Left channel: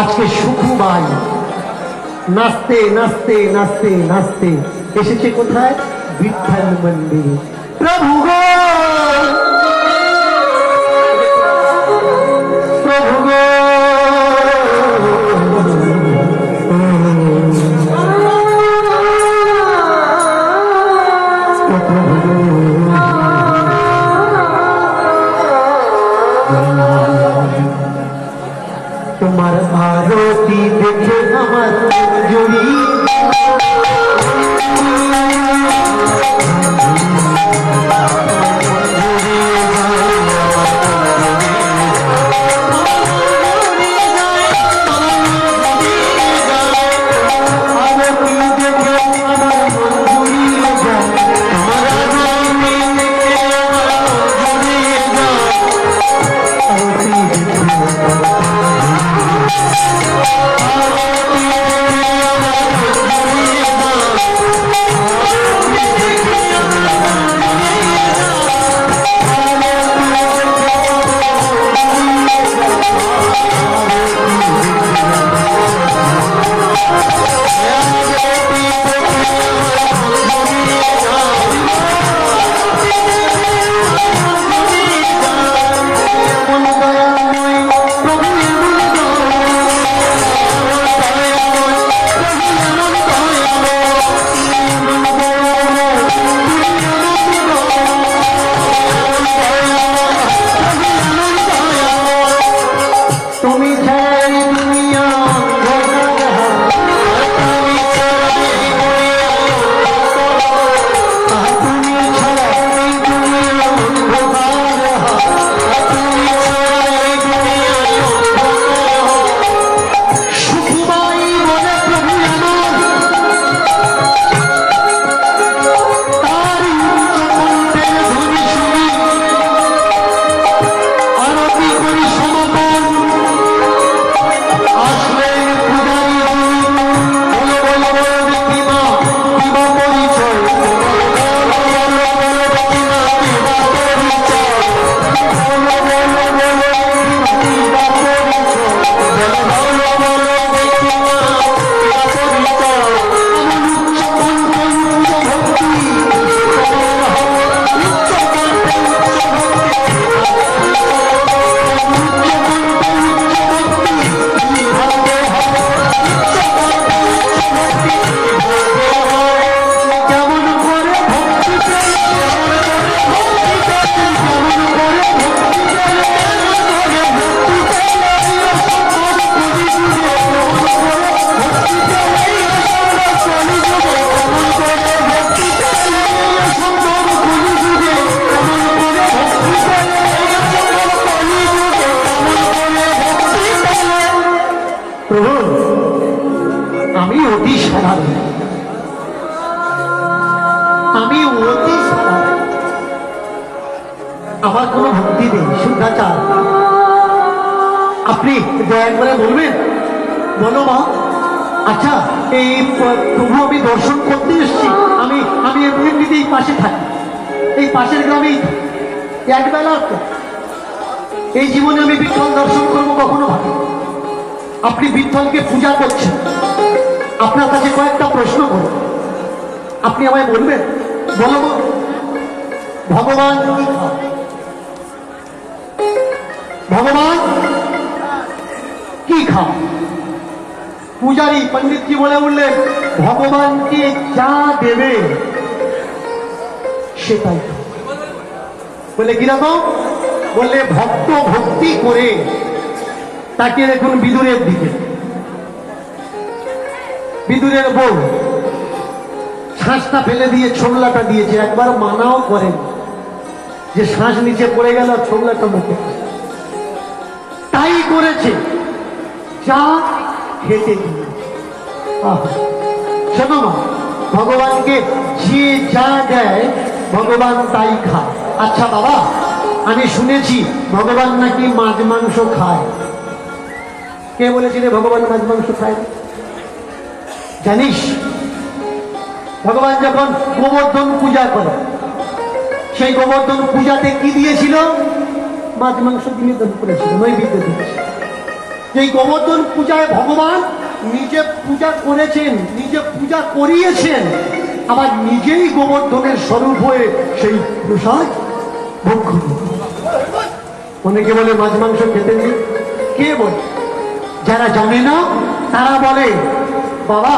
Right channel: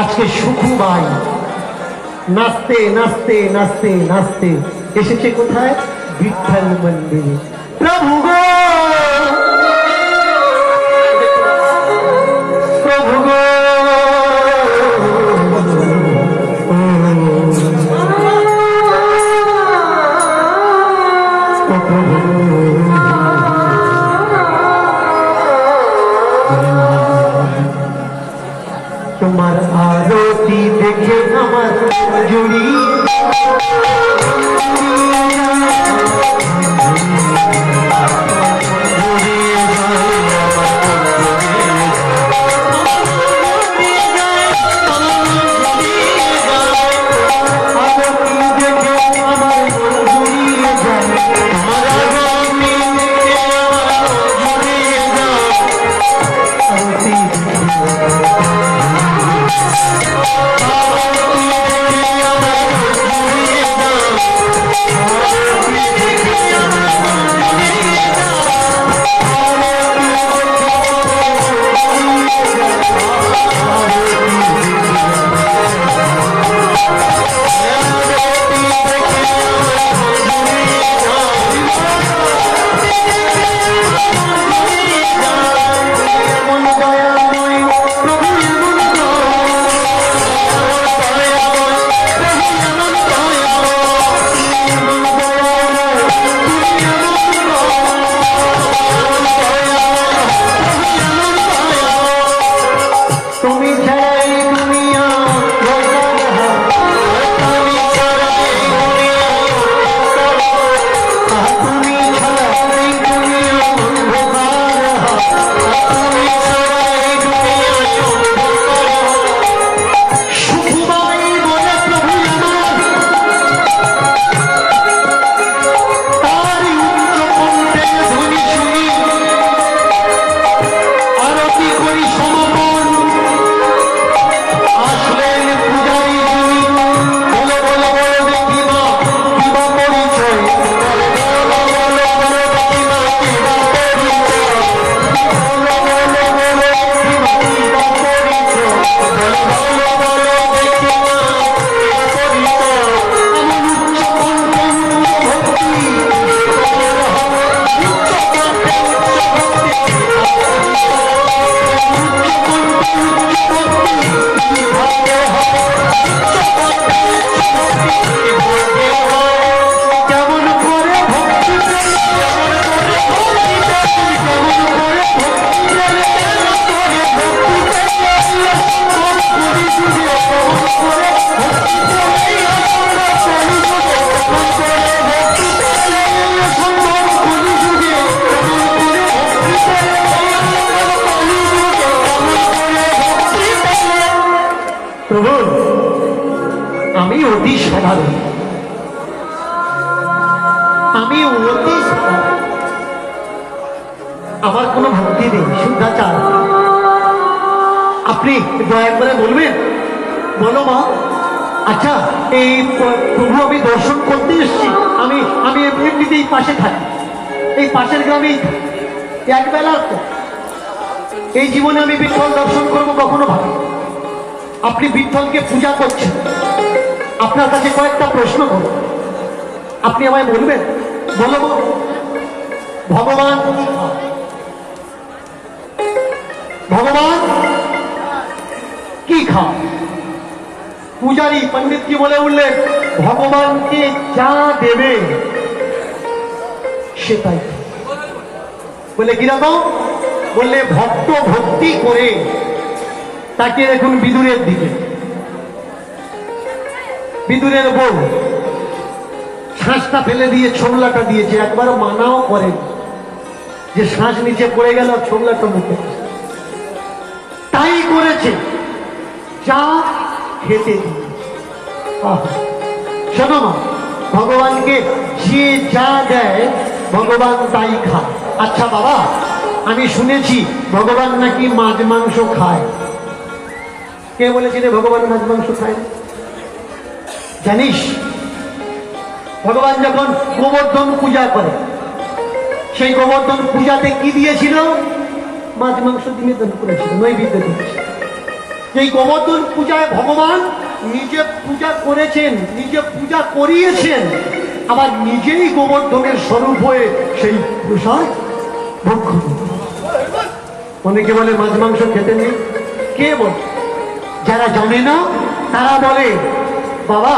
আজকে সুখুবাই নাচতে নাচতে নাচতে নাচতে এসেছে কোথায়? বিঠল মন্দিরে। প্রভু গো, প্রভু গো, তোমার আরতি দেখে আমার জড়ি আমি অতি সাধারণ, আমি অতি সাধারণ, আমার কোনো ভক্তি নেই, শুদ্ধাচার। আপনি দয়া করে বলবেন, বলো মা। আচ্ছা, এই প্রভু আমি দর্শন করতে এসেছি, আমি আমি এমনিতে এই পাশে থাকি, এই পাশের গ্রামেই একবেলা এই জীবনে আমি বিঠল দর্শন করবো কখনো ভাবি। আপনি বিঠলকে পূজা করছেন, আপনার কাছে কয়েকটা প্রশ্ন করব, আপনি আমায় বলবেন, বলবো ভগবান ভগবান কি খান? পূজারী পণ্ডিত কি বলে উঠলেন, ভগবানকে যা দেবে সেটাই। বলে কিরকম? বললে ভক্ত ভক্তি করে তাকে দেখুন বিদুরের দিকে, বিদুরের বউ শ্বাসটা ফেলে দিয়ে ছোবলাটা দিয়েছে, একবার মানাও করেন যে শ্বাস নিচে পড়ে গেল, ছোবলাটা মুখে, তাই করেছে, যা খেতে দিয়ে। শোনো মা, ভগবানকে যে যা দেয় ভগবান তাই খায়। আচ্ছা বাবা, আমি শুনেছি ভগবান নাকি মাছ মাংস খায়। কে বলেছিল ভগবান মাছ মাংস খায়? জানিস, ভগবান যখন গোবর্ধন পূজা করে, সেই গোবর্ধন পূজাতে কি দিয়েছিল? মাছ মাংস নিবেদন করেছিল, নৈবেদ্য দিয়েছিল। এই গোবর্ধন পূজায় ভগবান নিজে পূজা করেছেন, নিজে পূজা করিয়েছেন, আবার নিজেই গোবর্ধনের স্বরূপ হয়ে সেই প্রসাদ ভক্ষ। অনেকে বলে মাছ মাংস খেতে নেই, কে বলে? যারা জানে না তারা বলে বাবা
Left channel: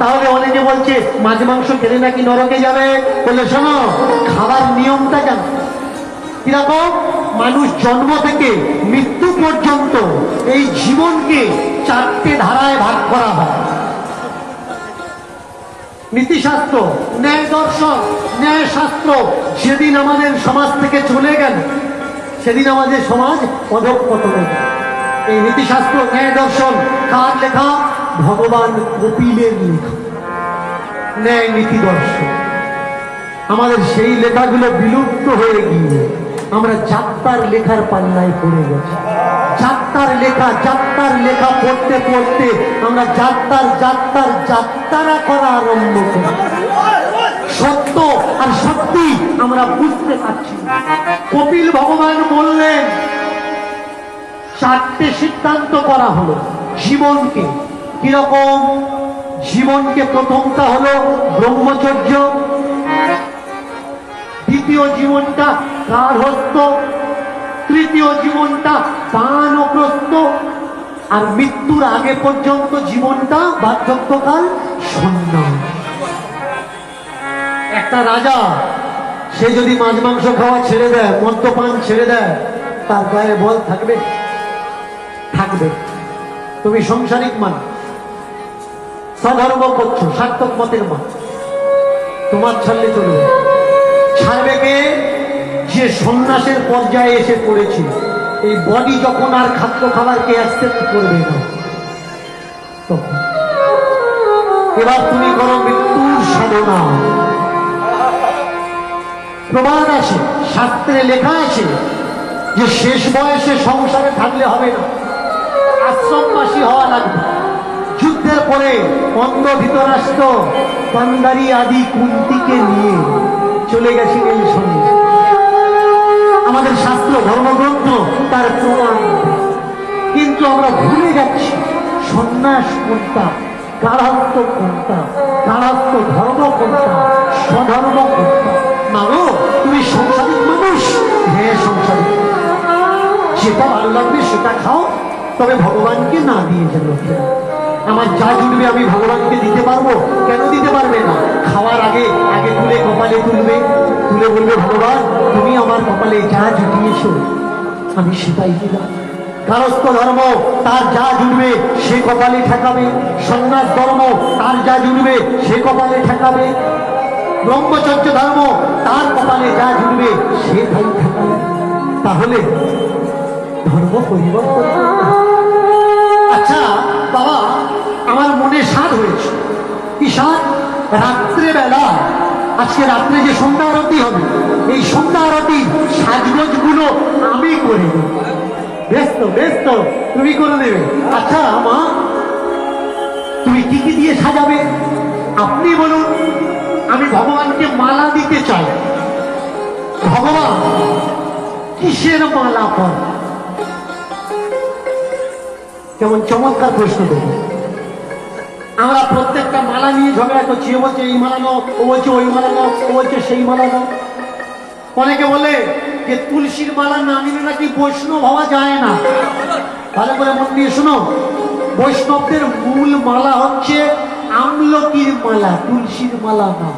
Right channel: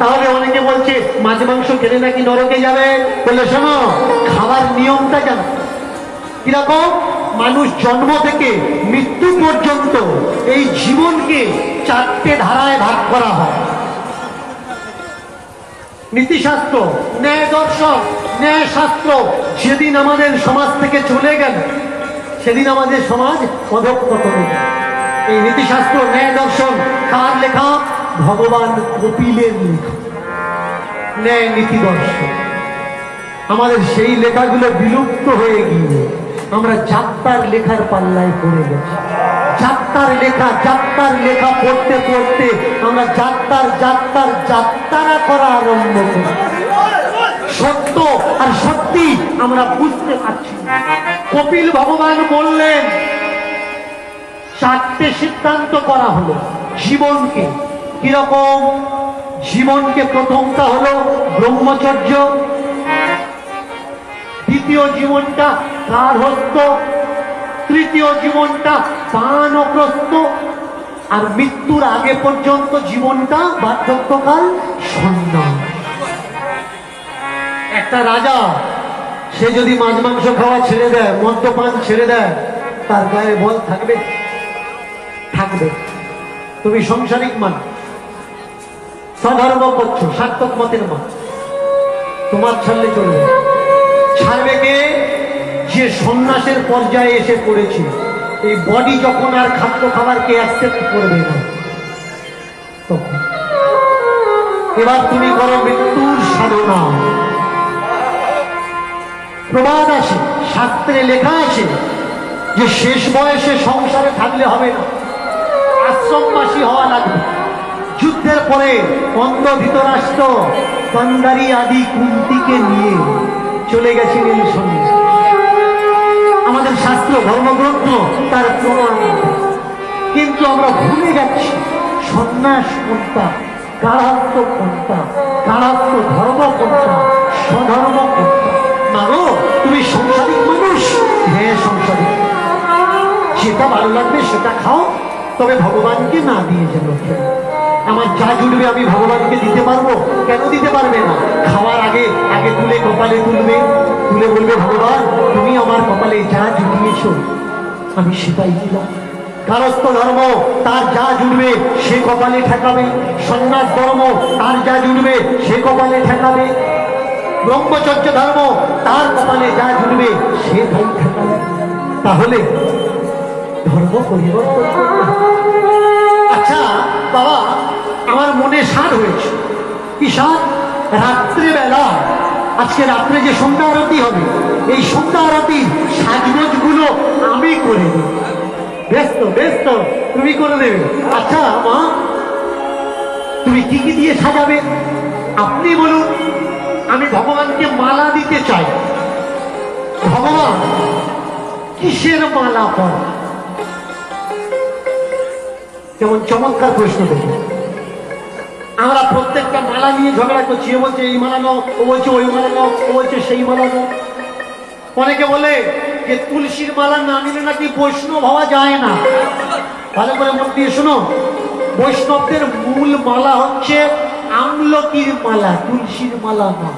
তাহলে অনেকে বলছে মাছ মাংস খেলে নাকি নরকে যাবে। বলে শোনো, খাবার নিয়মটা জানো কিরকম? মানুষ জন্ম থেকে মৃত্যু পর্যন্ত এই জীবনকে 4টে ধারায় ভাগ করা হয়। নীতিশাস্ত্র, ন্যায় দর্শন, ন্যায় শাস্ত্র যেদিন আমাদের সমাজ থেকে চলে গেল সেদিন আমাদের সমাজ অধঃপতনে যায়। এই নীতিশাস্ত্র ন্যায় দর্শন কার লেখা? ভগবান কপিলের লেখা ন্যায় নীতি দর্শন। আমাদের সেই লেখাগুলো বিলুপ্ত হয়ে গিয়ে আমরা যাত্রার লেখার পাল্লায় পড়ে গেছি। যাত্রার লেখা পড়তে পড়তে আমরা যাত্রা করা আরম্ভ করি। সত্য আর সত্যি আমরা বুঝতে পারছি। কপিল ভগবান বললেন 4টে সিদ্ধান্ত করা হলো জীবনকে। কিরকম? জীবনকে প্রথমটা হলো ব্রহ্মচর্য, দ্বিতীয় জীবনটা গার্হস্থ্য, তৃতীয় জীবনটা বানপ্রস্থ, আর মৃত্যুর আগে পর্যন্ত জীবনটা বার্ধক্যকাল সন্ন্যাস। একটা রাজা সে যদি মাছ মাংস খাওয়া ছেড়ে দেয়, মদ্যপান ছেড়ে দেয়, তার গায়ে বল থাকবে? থাকবে। তুমি সংসারিক মান, স্বধর্ম করছো, সার্থক মতের মান, তোমার ছাড়লে চলবে। ছাড়বে কে? যে সন্ন্যাসের পর্যায়ে এসে পড়েছিল। এই বডি যখন আর খাদ্য খাবারকে অ্যাকসেপ্ট করবে না, তখন এবার তুমি করো মৃত্যুর সাধনা। প্রবাদ আছে, শাস্ত্রে লেখা আছে যে শেষ বয়সে সংসারে থাকলে হবে না, আশ্রমবাসী হওয়া লাগবে। যুদ্ধের পরে অন্ধ ধৃতরাষ্ট্র গান্ধারী আদি কুন্তিকে নিয়ে চলে গেছিলেন সঙ্গে। আমাদের শাস্ত্র ধর্মগ্রন্থ তার প্রমাণ, কিন্তু আমরা ভুলে যাচ্ছি সন্ন্যাস কোনটা, গার্হস্থ্য কোনটা, গার্হস্থ্য ধর্ম কোনটা, স্বধর্ম কোনটা। মাগো তুমি সংসারিক মানুষ, হ্যাঁ সংসারিক, যেটা ভালো লাগবে সেটা খাও, তবে ভগবানকে না দিয়ে যাবে। আমার যা জুটবে আমি ভগবানকে দিতে পারবো? কেন দিতে পারবে না? খাওয়ার আগে আগে তুলে কপালে তুলবে, তুলে বলবে ভগবান তুমি আমার কপালে যা জুটিয়েছ আমি সেটাই দিলাম। গার্হস্থ্য ধর্ম তার যা জুটবে সে কপালে ঠেকাবে, সন্ন্যাস ধর্ম তার যা জুটবে সে কপালে ঠেকাবে, ব্রহ্মচর্য ধর্ম তার কপালে যা জুটবে সেটাই ঠেকাবে। তাহলে ধর্ম পরিবর্তন করতে হবে। আচ্ছা বাবা, আমার মনে সাধ হয়েছে। কি সাধ? রাত্রেবেলা, আজকে রাত্রে যে সন্ধ্যা আরতি হবে, এই সন্ধ্যা আরতি সাজগোজ গুলো আমি করে দেব। ব্যস্ত তুমি করে দেবে? আচ্ছা মা, তুমি কি কি দিয়ে সাজাবে আপনি বলুন। আমি ভগবানকে মালা দিতে চাই। ভগবান কিসের মালা পরে? কেমন চমৎকার প্রশ্ন করব। আমরা প্রত্যেকটা মালা নিয়ে ঝগড়া করছি। ও বলছে এই মালা নাও, ও বলছে ওই মালা নাও, ও বলছে সেই মালা নাও। অনেকে বলে যে তুলসীর মালা না নিলে নাকি বৈষ্ণব হওয়া যায় না। ভালো করে মন দিয়ে শোনো, বৈষ্ণবদের মূল মালা হচ্ছে আমলকির মালা, তুলসীর মালা না।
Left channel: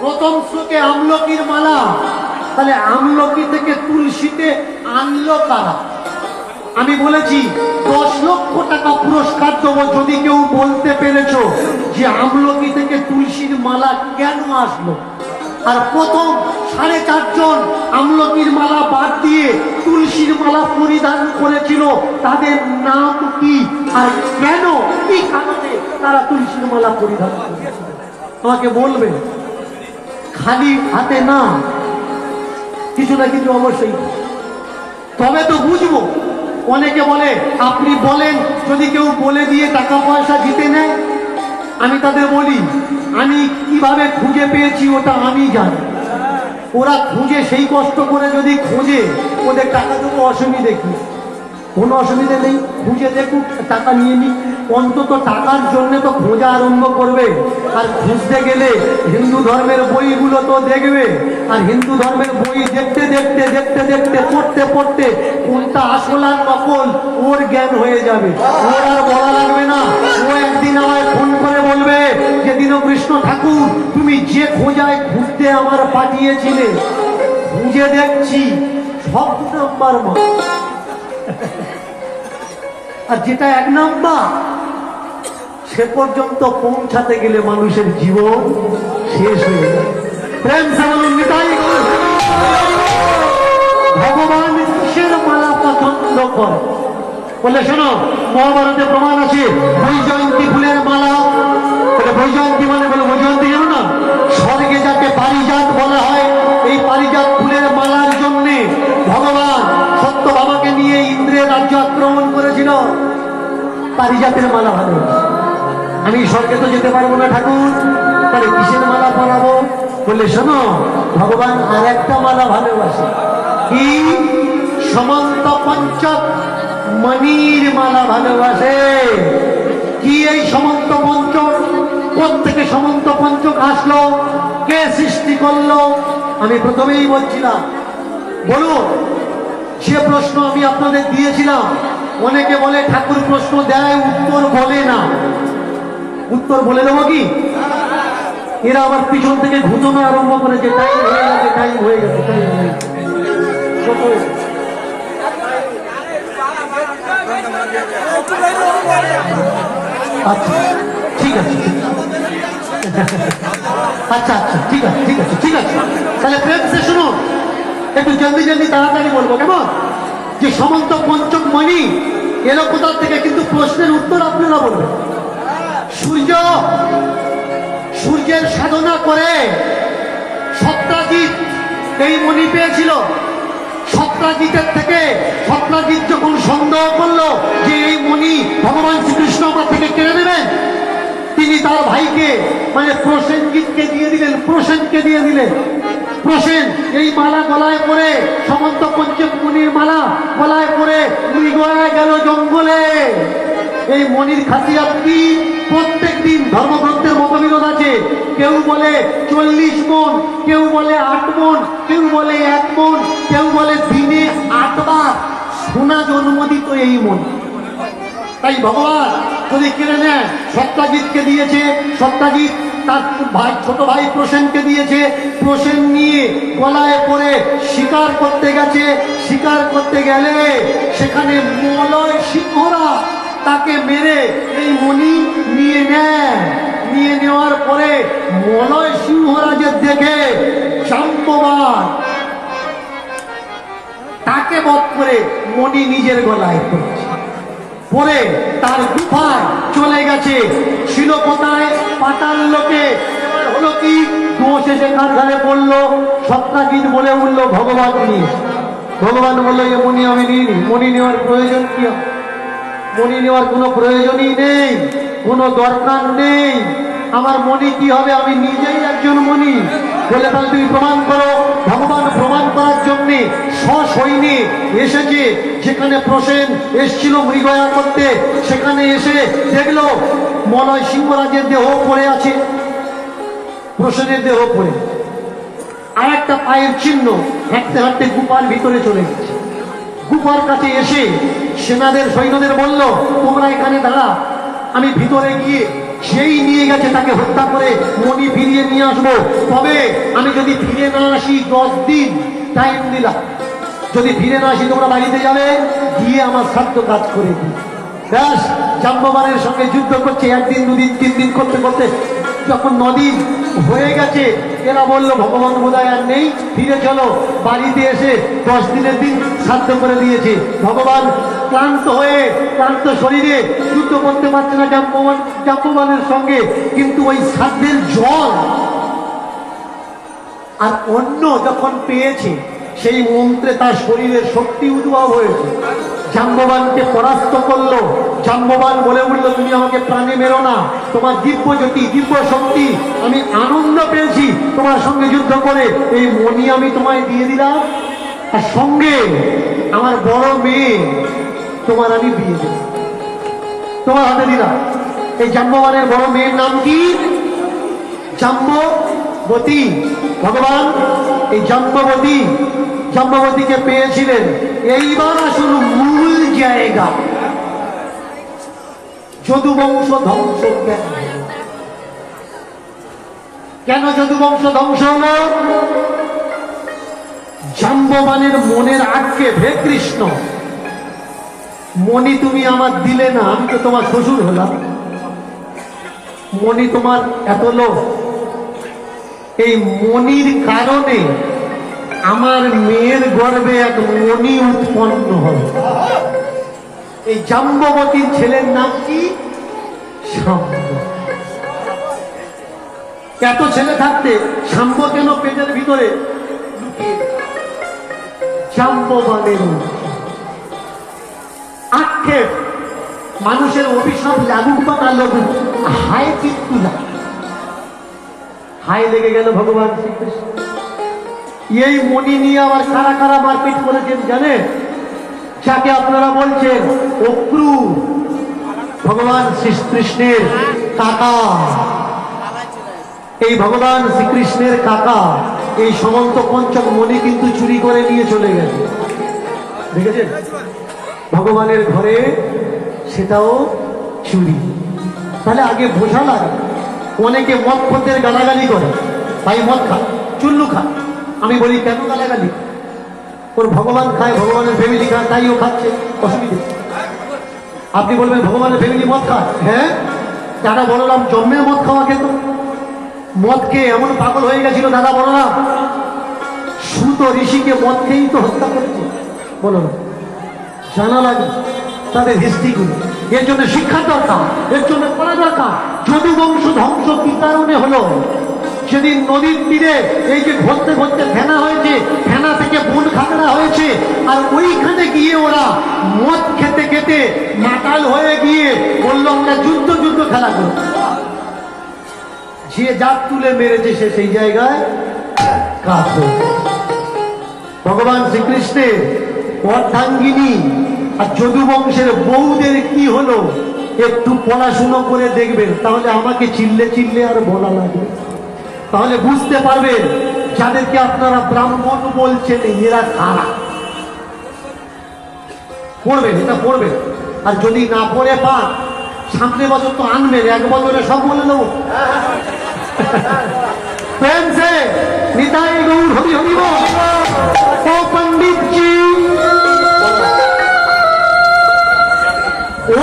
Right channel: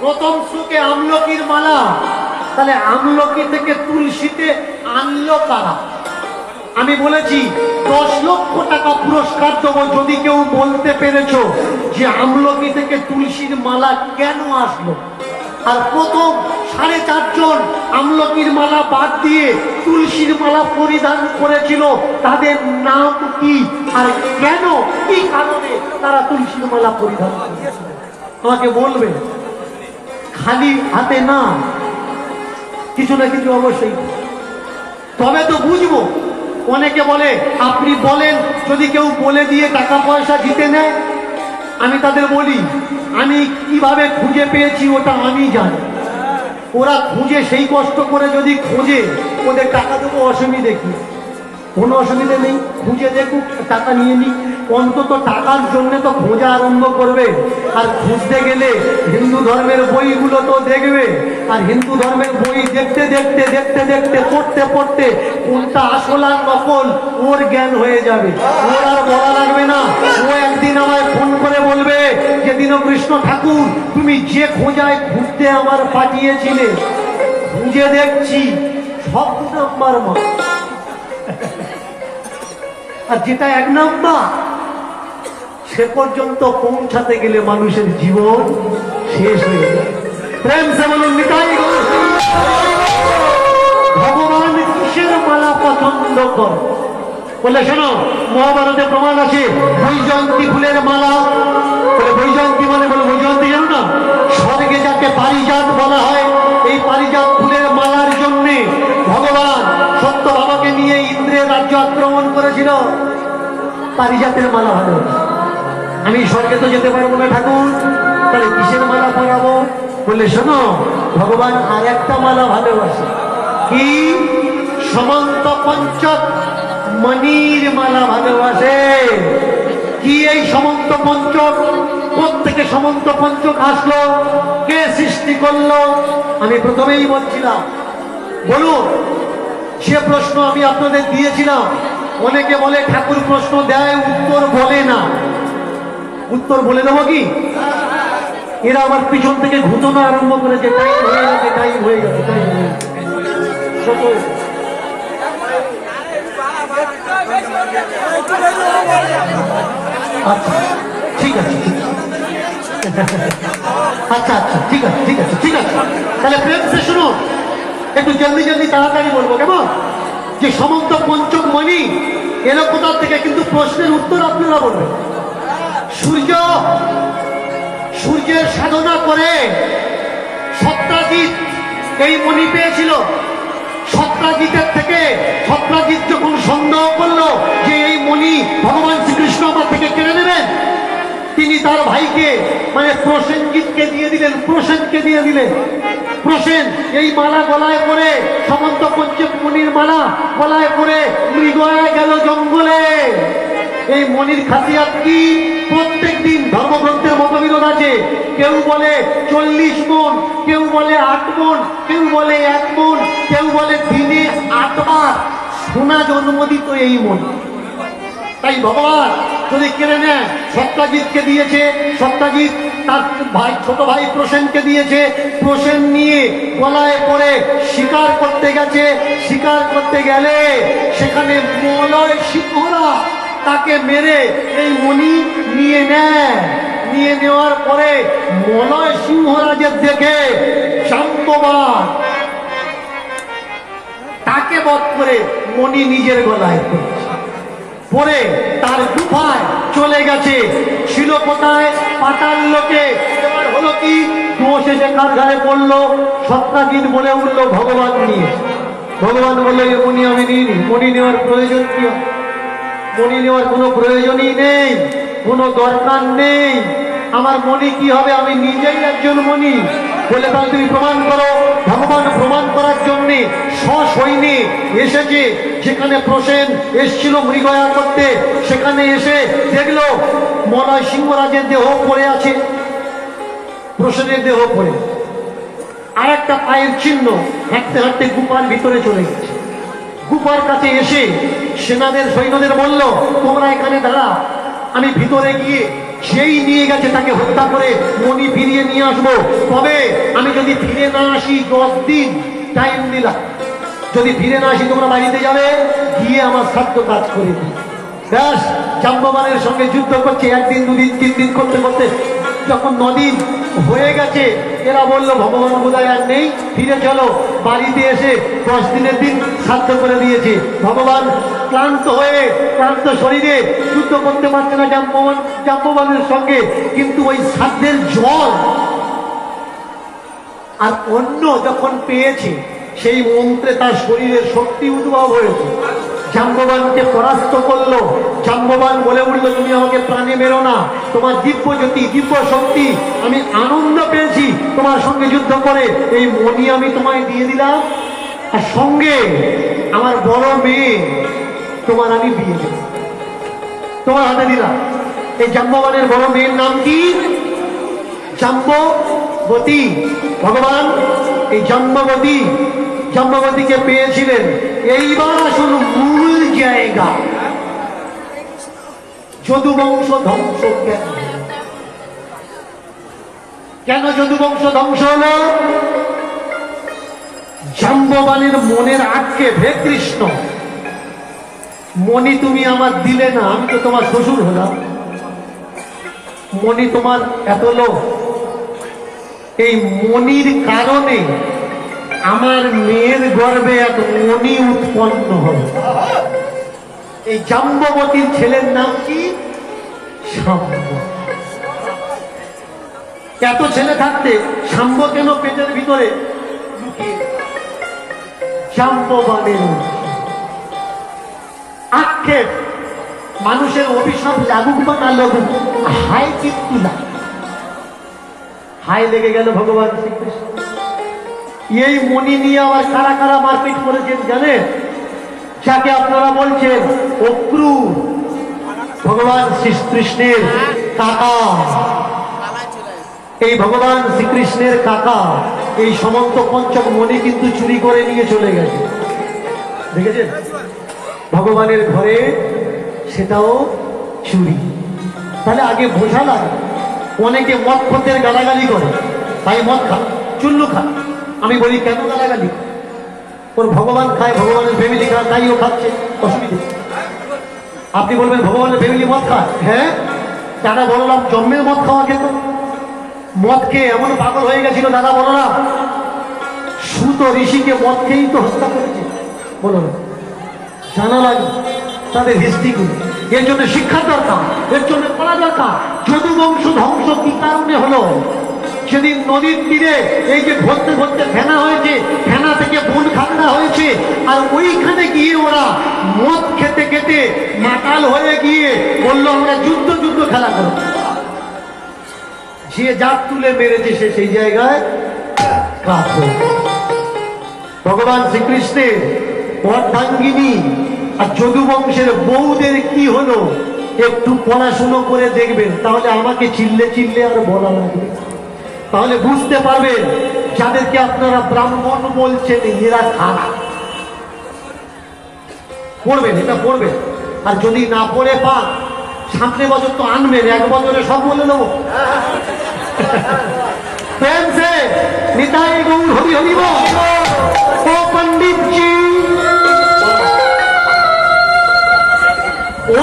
প্রথম শ্লোকে আমলকির মালা, তাহলে আমলকি থেকে তুলসীতে আনলো কারা? আমি বলেছি 10 লক্ষ টাকা পুরস্কার দেবো যদি কেউ বলতে পেরেছ যে আমলকি থেকে তুলসীর মালা কেন আসলো। আর প্রথম 4.5 জন আমলকির মালা বাদ দিয়ে তুলসীর মালা পরিধান করেছিল, তাদের নাম কি আর কেন, কি কারণে তারা তুলসীর মালা পরিধান করেছিল? আমাকে বলবে। খালি হাতে না, কিছু না কিছু অবশ্যই, তবে তো বুঝবো। অনেকে বলে আপনি বলেন, যদি কেউ বলে দিয়ে টাকা পয়সা জিতে নেয়। আমি তাদের বলি আমি কিভাবে খুঁজে পেয়েছি ওটা আমি জানি। ওরা খুঁজে সেই কষ্ট করে যদি খোঁজে, ওদের টাকা দেবো অসুবিধে কি? কোনো অসুবিধা নেই, খুঁজে দেখুক, টাকা নিয়ে নিক, অন্তত টাকার জন্য তো খোঁজা আরম্ভ করবে। আর খুঁজতে গেলে হিন্দু ধর্মের বইগুলো তো দেখবে, আর হিন্দু ধর্মের বই দেখতে দেখতে দেখতে দেখতে পড়তে পড়তে কোনটা আসল আর নকল ওর জ্ঞান হয়ে যাবে, ওর আর বলা লাগবে না। ও একদিন আমায় ফোন করে বলবে যে দীনকৃষ্ণ ঠাকুর, তুমি যে খোঁজায় ঘুরতে আমার পাঠিয়েছিলে খুঁজে দেখছি সব 2 নাম্বার মা, আর যেটা 1 নাম্বার সে পর্যন্ত পৌঁছাতে গেলে মানুষের জীবন শেষ হয়ে যায়। প্রেম সে বলুন নিতাই গৌর। ভগবান কিসের মালা পছন্দ করে বলে শোনো, মহাভারতে প্রমাণ আছে বৈজয়ন্তী ফুলের মালা। বৈজয়ন্তী মানে বলে বৈজয়ন্তী জানো না, স্বর্গে যাকে পারিজাত বলা হয়, এই পারিজাত ফুলের মালার জন্য ভগবান সত্যভামাকে নিয়ে ইন্দ্রের রাজ্য আক্রমণ করেছিল। পারিজাতের মালা ভালো, আমি স্বর্গে তো যেতে পারবো না ঠাকুর, তাহলে কিসের মালা পরাবো? বললে শোনো, ভগবান আর একটা মালা ভালোবাসে, কি? সমন্ত পঞ্চক মণির মালা ভালোবাসে। কি এই সমন্ত পঞ্চক? কোত্থেকে সমন্ত পঞ্চক আসলো? কে সৃষ্টি করলো? আমি প্রথমেই বলছিলাম, বলুন সে প্রশ্ন আমি আপনাদের দিয়েছিলাম। অনেকে বলে ঠাকুর প্রশ্ন দেয় উত্তর বলে না, উত্তর বলে দেবো কি? এরা আবার পিছন থেকে ঘুতনো আরম্ভ করেছে, টাইম হয়ে গেছে, টাইম হয়ে গেছে, টাইম হয়ে গেছে। আচ্ছা ঠিক আছে, আচ্ছা আচ্ছা ঠিক আছে, ঠিক আছে, ঠিক আছে। তাহলে প্রেম সে শুনো, একটু জলদি জলদি তাড়াতাড়ি বলবো, কেমন? যে সমন্ত পঞ্চক মণি এলো কোথা থেকে, কিন্তু প্রশ্নের উত্তর আপনারা বলবেন। সূর্যের সাধনা করে সত্রাজিৎ এই মণি পেয়েছিল। সত্রাজিতের থেকে সত্রাজিৎ যখন সন্দেহ করলো যে এই মণি ভগবান শ্রীকৃষ্ণ আমার থেকে কেড়ে নেবেন, তিনি তার ভাইকে মানে প্রসেনজিৎকে দিয়ে দিলেন, প্রসেনকে দিয়ে দিলেন। প্রসেন এই মালা গলায় পরে, সমন্ত পঞ্চক মণির মালা গলায় পরে মৃগয়া গেল জঙ্গলে। এই মণির খাসিয়াত কি? প্রত্যেক দিন ধর্মগ্রন্থের মতবিরোধ আছে। কেউ বলে 40 মণ, কেউ বলে 8 মণ, কেউ বলে 1 মণ, কেউ বলে দিনে 8 বার সোনা জন্মদিত এই মণি। তাই ভগবান যদি কেড়ে নেন, সত্রাজিৎকে দিয়েছে, সত্রাজিৎ তার ভাই ছোট ভাই প্রসেনকে দিয়েছে, প্রসেন নিয়ে গলায় পরে শিকার করতে গেছে। শিকার করতে গেলে সেখানে মলয় সিংহরা তাকে মেরে এই মণি নিয়ে নেয়। নিয়ে নেওয়ার পরে মলয় সিংহরাজের দেখে জাম্ববান তাকে বধ করে মণি নিজের গলায় পড়েছে, পরে তার গুফায় চলে গেছে। ছিল কোথায়? পাতাল লোকে। এবার হলো কি? দোষ এসে কার ঘাড়ে পড়লো? সত্রাজিৎ বলে উঠলো ভগবান নিয়ে। ভগবান বললো যে মণি আমি নিইনি। মণি নেওয়ার প্রয়োজন কি? মণি নেওয়ার কোনো প্রয়োজনই নেই, কোনো দরকার নেই। আমার মণি কি হবে? আমি নিজেই একজন মণি। বলে তাহলে তুমি প্রমাণ করো। ভগবান প্রমাণ করার জন্যে সসৈন্যে এসেছে। যেখানে প্রসেন এসছিল মৃগয়া করতে, সেখানে এসে দেখলো মলয় সিংহরাজের দেহ পড়ে আছে, প্রসেনের দেহ পড়ে, আর একটা পায়ের চিহ্ন। হাঁটতে হাঁটতে গুফার ভিতরে চলে গেছে। গুফার কাছে এসে সেনাদের সৈন্যদের বলল, তোমরা এখানে দাঁড়া, আমি ভিতরে গিয়ে সেই নিয়ে গেছে তাকে হত্যা করে মণি ফিরিয়ে নিয়ে আসবো। তবে আমি যদি ফিরে না আসি 10 দিন টাইম দিলাম। যদি ফিরে না আসি তোমরা বাড়িতে যাবে, গিয়ে আমার সাধ্য কাজ করে দিই। ব্যাস, জাম্ববানের সঙ্গে যুদ্ধ করছে। 1 দিন 2 দিন 3 দিন করতে করতে যখন 9 দিন হয়ে গেছে, এরা বললো ভগবান বোধহয় আর নেই, ফিরে চলো। বাড়িতে এসে 10 দিনের দিন সাধ্য করে দিয়েছে। ভগবান ক্লান্ত হয়ে, ক্লান্ত শরীরে যুদ্ধ করতে পারছে না জাম্ববানের সঙ্গে, কিন্তু ওই সাধ্যের জল আর অন্য যখন পেয়েছে, সেই মন্ত্রে তার শরীরের শক্তি উদ্ভব হয়েছে। জাম্ববানকে পরাস্ত করলো। জাম্ববান বলে উঠল, তুমি আমাকে প্রাণে মেরো না, তোমার দিব্য জ্যোতি, দিব্য শক্তি, আমি আনন্দ পেয়েছি তোমার সঙ্গে যুদ্ধ করে। এই মণি আমি তোমায় দিয়ে দিলাম, আর সঙ্গে আমার বড় মেয়ে তোমার আমি বিয়ে দেব, তোমার হাতে দিলাম। এই জাম্ববানের বড় মেয়ের নাম কি? জাম্ববতী। ভগবান এই জাম্ববতীকে পেয়েছিলেন। এইবার আসুন মূল জায়গা, যদুবংশ ধ্বংস কেন যদুবংশ ধ্বংস হলো? জাম্ববানের মনের আক্ষেপ, হে কৃষ্ণ মণি তুমি আমার দিলে না, আমি তো তোমার শ্বশুর হলাম, মণি তোমার এত লোভ, এই মণির কারণে আমার মেয়ের গর্ভে এক মণি উৎপন্ন হবে। এই জাম্ববতীর ছেলের নাম কি? শাম্ব। এত ছেলে থাকতে শাম্ব কেন পেটের ভিতরে? জাম্ববানের আক্ষেপ, মানুষের অভিশাপ লাগুক বা না লাগুক, হায় কিন্তু হায় লেগে গেল ভগবান শ্রীকৃষ্ণ। এই মণি নিয়ে আবার কারা কারা মারপিট করেছেন জানেন? যাকে আপনারা বলছেন অক্রূর, ভগবান শ্রীকৃষ্ণের কাকা। এই ভগবান শ্রীকৃষ্ণের কাকা এই সমন্ত পঞ্চক মণি কিন্তু চুরি করে নিয়ে চলে গেছে, দেখেছেন? ভগবানের ঘরে সেটাও চুরি। তাহলে আগে বোঝা লাগে। অনেকে মদ খদ্দের গালাগালি করে, তাই মদ খা, চুল্লু খা। আমি বলি কেন গালাগালি? ওর ভগবান খায়, ভগবানের ফ্যামিলি খায়, তাই ও খাচ্ছে, অসুবিধে। আপনি বলবেন ভগবানের ফ্যামিলি মদ খায়, হ্যাঁ দাদা বললাম জন্মের মদ খাওয়া খেত, মদ খেয়ে এমন পাগল হয়ে গেছিল দাদা বললাম, সুত ঋষিকে মদ খেয়েই তো হত্যা করেছে। বলো না, জানা লাগে তাদের হিস্ট্রিগুলো। এর জন্য শিক্ষার দরকার, এর জন্য পড়া দরকার। যদুবংশ ধ্বংস কি কারণে হলো? সেদিন নদীর তীরে এই যে ঘুরতে ঘুরতে ফেনা হয়েছে, ফেনা থেকে বন খাগড়া হয়েছে, আর ওইখানে গিয়ে ওরা মদ খেতে খেতে মাতাল হয়ে গিয়ে বললো আমরা যুদ্ধ খেলা করব। যে জাত তুলে মেরেছে সে সেই জায়গায় কাজ হয়ে। ভগবান শ্রীকৃষ্ণের অর্ধাঙ্গিনী আর যদুবংশের বউদের কি হলো একটু পড়াশুনো করে দেখবেন, তাহলে আমাকে চিল্লে আর বলা লাগবে, তাহলে বুঝতে পারবেন যাদেরকে আপনারা ব্রাহ্মণ বলছেন এরা খারাপ। পড়বেন, এটা পড়বেন। আর যদি না পড়ে পান সামনে বছর তো আনবেন, এক বছরে সব বলে দেবো। প্রেম সে নিতাই গৌর হরি হরি বল। ও পণ্ডিতজি,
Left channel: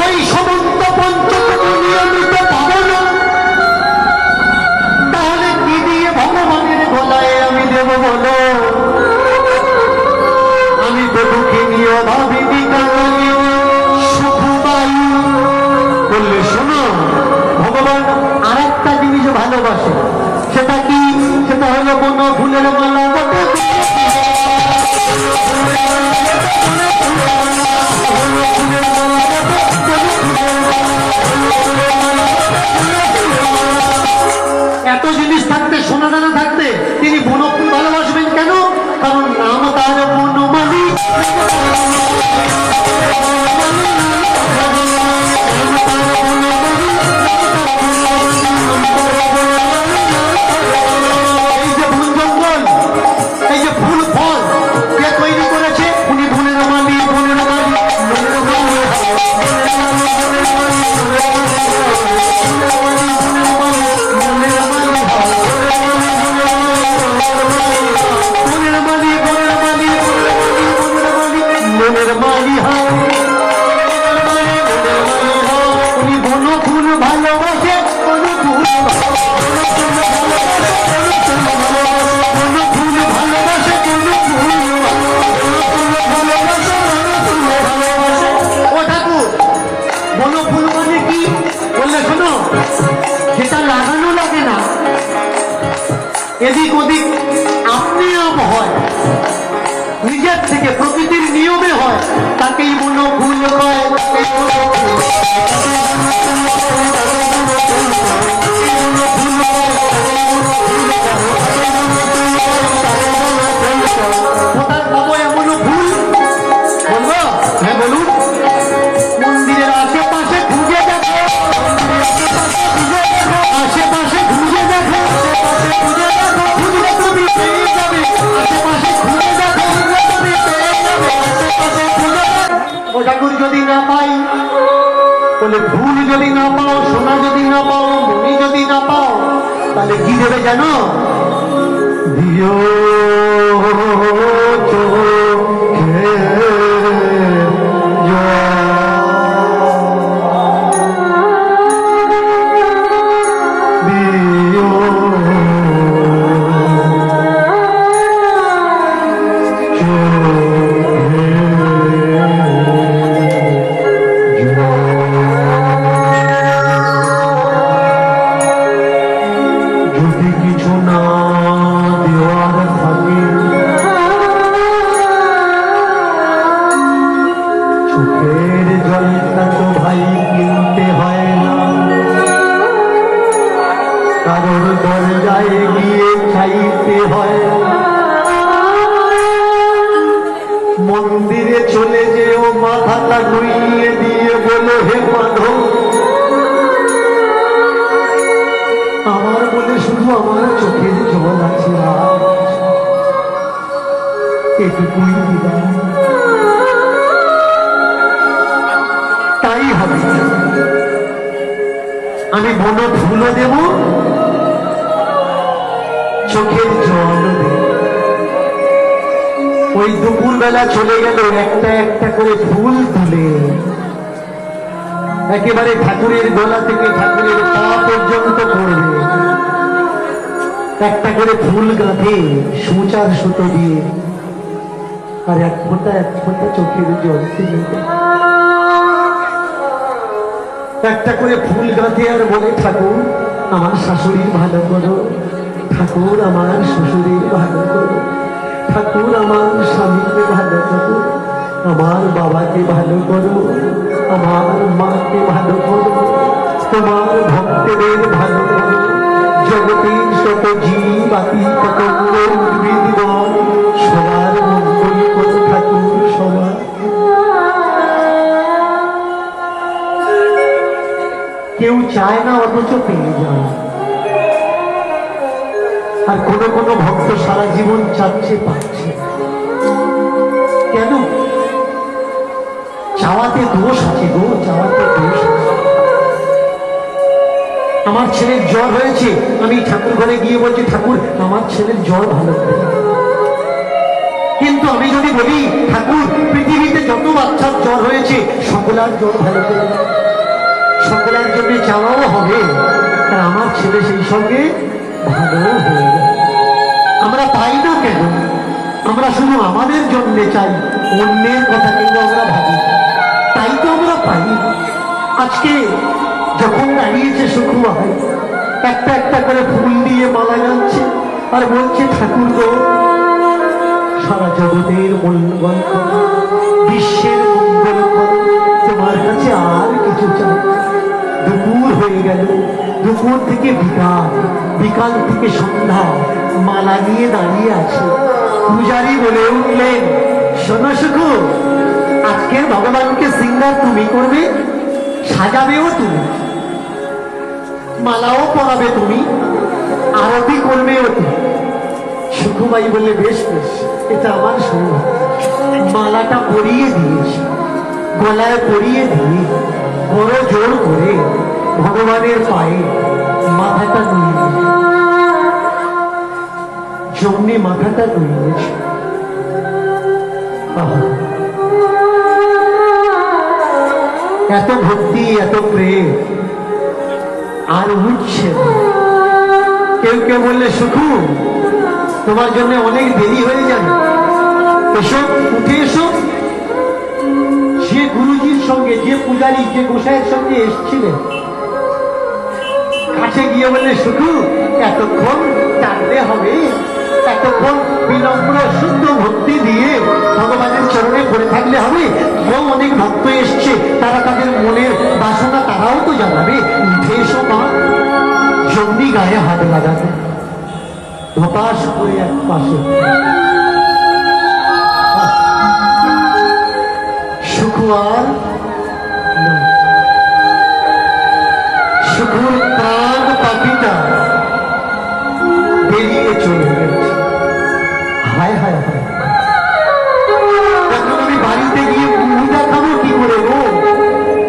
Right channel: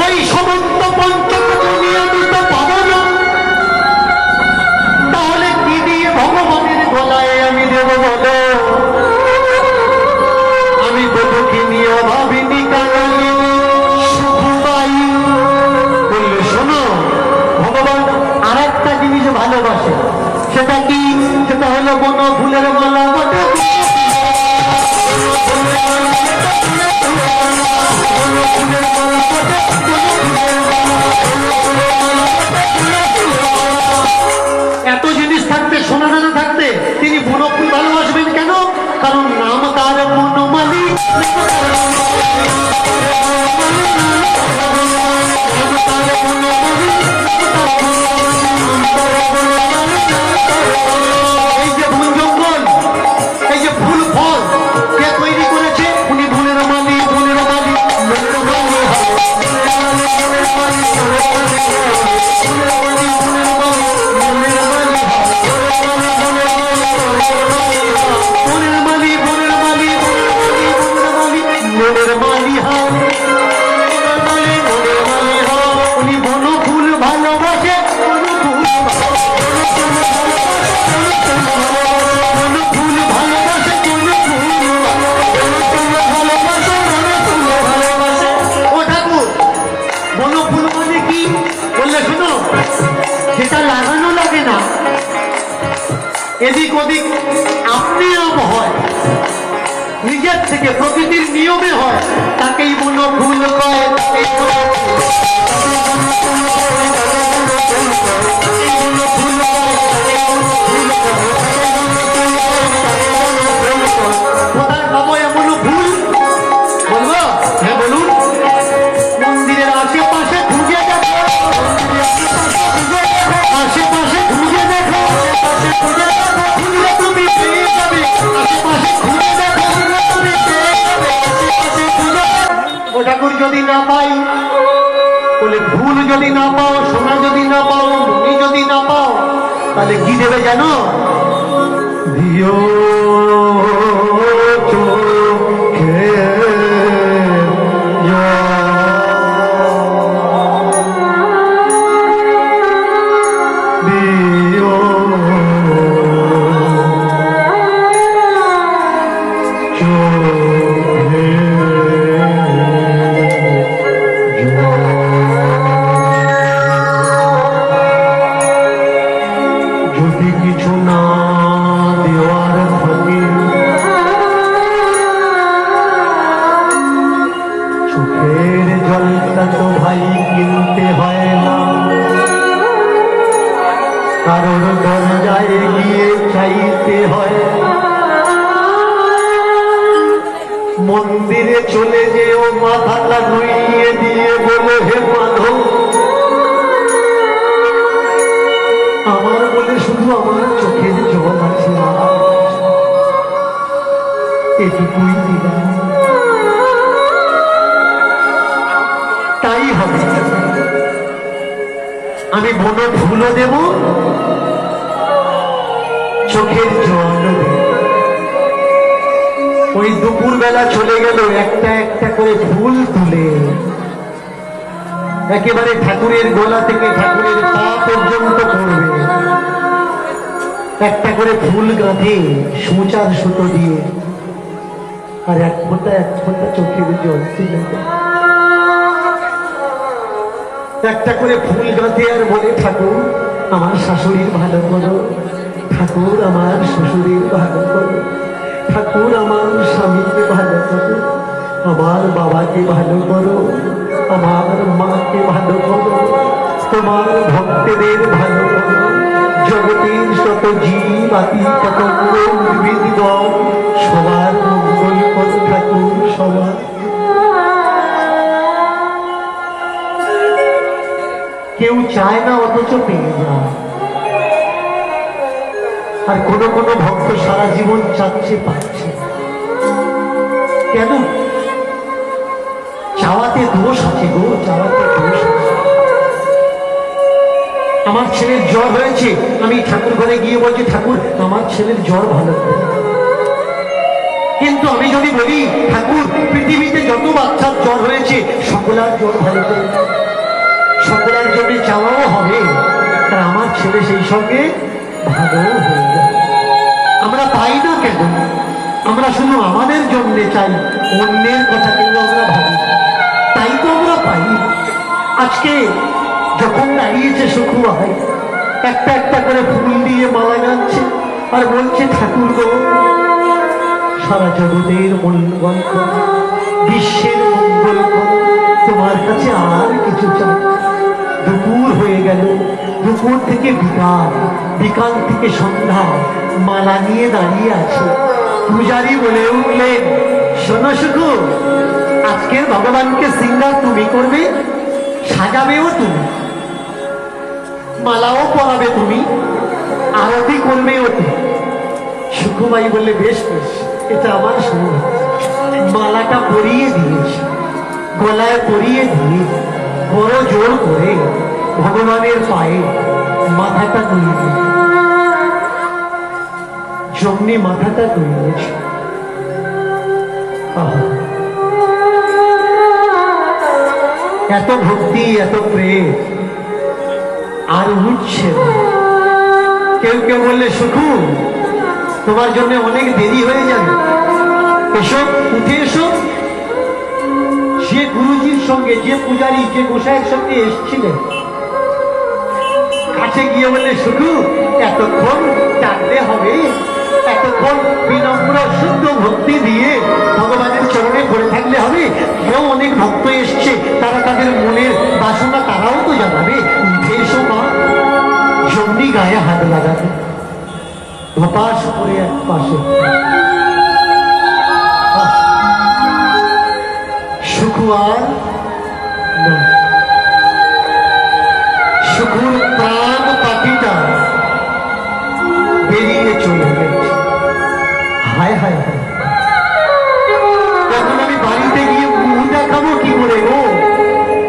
ওই সমস্ত পঞ্চককে নিয়মিত পাবো না, তাহলে কি দিয়ে ভগবানের গলায় আমি দেব বলো? আমি দেবো কি নিয়ে ভাবিনি কারণে সুখবাই বললে শোনো, ভগবান আর একটা জিনিস ভালোবাসে, সেটা কি? সেটা হলো বন ফুলের মালা বটে। এত জিনিস থাকতে, সোনা দানা থাকতে তিনি বনফুল ভালোবাসবেন কেন? কারণ নাম তার বনমালী। এই যে বন জঙ্গল, এই যে ফুল ফল কে তৈরি করেছে? উনি বনের মালী, বনের মালী, বনের মালী। উনি বনফুল ভালোবাসে, বনফুল ভালোবাসে, ও ঠাকুর বনফুল মানে কি বললে শোনো, সেটা লাগানো লাগে না, এদিক ওদিক আপনি আপ হয়, নিজের থেকে প্রকৃতির নিয়মে হয়, তাকেই বনফুল কয়। কোথায় পাবো এমন ফুল? বলবো? হ্যাঁ বলুন। বলে ফুল যদি না পাও, সোনা যদি না পাও, মণি যদি না পাও, তাহলে কি দেবে জানো? দিও চোখে কারোর দরজায় গিয়ে চাইতে হয়। মন্দিরে চলে যেও মাথাটা নুইয়ে দিয়ে বলো হে মাধব, আমার বলে শুধু আমার চোখের জল আছে, এটুকুই দিবা। তাই হবে, আমি বনো ফুলও দেব, চোখের জল দেব। ওই দুপুর বেলা চলে গেল একটা একটা করে ফুল তুলে, একেবারে ঠাকুরের গলা থেকে ঠাকুরের পা পর্যন্ত পড়বে, একটা করে ফুল গাঁথে সূচার সুতো দিয়ে, আর এক ফোঁটা চোখের জল তুলে একটা করে ফুল গাঁথে আর বলে ঠাকুর আমার শাশুড়ির ভালো করো, ঠাকুর আমার শ্বশুরের ভালো করো, ঠাকুর আমার স্বামীকে ভালো করো, আমার বাবাকে ভালো করো, আমার মাকে ভালো করো, তোমার ভক্তদের ভালো করো, জগতের শত জীব আতি পতঙ্গ উদ্ভিদগণ সবার মঙ্গল করো ঠাকুর, সবার। কেউ চায় না অথচ পেয়ে যায়, আর কোন কোন ভক্ত সারা জীবন চাচ্ছে পাচ্ছে। কেন? চাওয়াতে দোষ আছে গো, চাওয়াতে দোষ আছে। আমার ছেলের জ্বর হয়েছে, আমি ঠাকুর ঘরে গিয়ে বলছি ঠাকুর আমার ছেলের জ্বর ভালো করে। কিন্তু আমি যদি বলি ঠাকুর পৃথিবীতে যত বাচ্চার জ্বর হয়েছে সকলার জ্বর ভালো করে, সকলের জন্য চাওয়াও হবে, আর আমার ছেলে সেই সঙ্গে ভালো হয়ে যায়। আমরা পাই না কেন? আমরা শুধু আমাদের জন্য চাই, অন্যের কথা কিন্তু আমরা ভাবি, তাই তো আমরা পাই। আজকে যখন দাঁড়িয়েছে সুখু ভাই, একটা একটা করে ফুল দিয়ে মালা গাচ্ছে আর বলছে ঠাকুর গো সারা জগতের মঙ্গল করো, বিশ্বের মঙ্গল করো, তোমার কাছে আর কিছু চাই। দুপুর হয়ে গেল, দুপুর থেকে বিকাল, বিকাল থেকে সন্ধ্যা, মালা নিয়ে দাঁড়িয়ে আছে। পূজারী বলে উঠলেন শোনো সুখু, আজকের ভগবানকে সিঙ্গার তুমি করবে, সাজাবেও তুমি, মালাও পরাবে তুমি, আরতি করবেও তুমি। সুখুবাই বললে বেশ বেশ, এটা আমার সৌভাগ্য। মালাটা পরিয়ে দিয়েছি, গলায় পরিয়ে দিয়ে বড় জোর করে ভগবানের পায়ে মাথাটা নুয়ে, জমনি মাথাটা নুয়েছে। এত ভক্তি, এত প্রেম, আর উঠছে। কেউ কেউ বললে সুখু তোমার জন্য অনেক দেরি হয়ে যাবে, এসব উঠে এসো। যে গুরুজির সঙ্গে, যে পূজারী, যে গোসাইয়ের সঙ্গে এসেছিলেন, কাছে গিয়ে বললে শুধু এতক্ষণ ডাকলে হবে, এতক্ষণ বিনম্র শুদ্ধ ভক্তি দিয়ে ভগবানের চরণে পড়ে থাকলে হবে। কেউ অনেক ভক্ত এসছে, তারা তাদের মনের বাসনা তারাও তো জানাবে। উঠে এসো মা। জমনি গায়ে হাত লাগাতে ধপাস করে এক পাশে সুখুয়ার সুখুর প্রাণ পাখিটা বেরিয়ে চলে গেছে। হায় হায় হায়, এখন আমি বাড়িতে গিয়ে মুখ দেখাবো কি করে গো,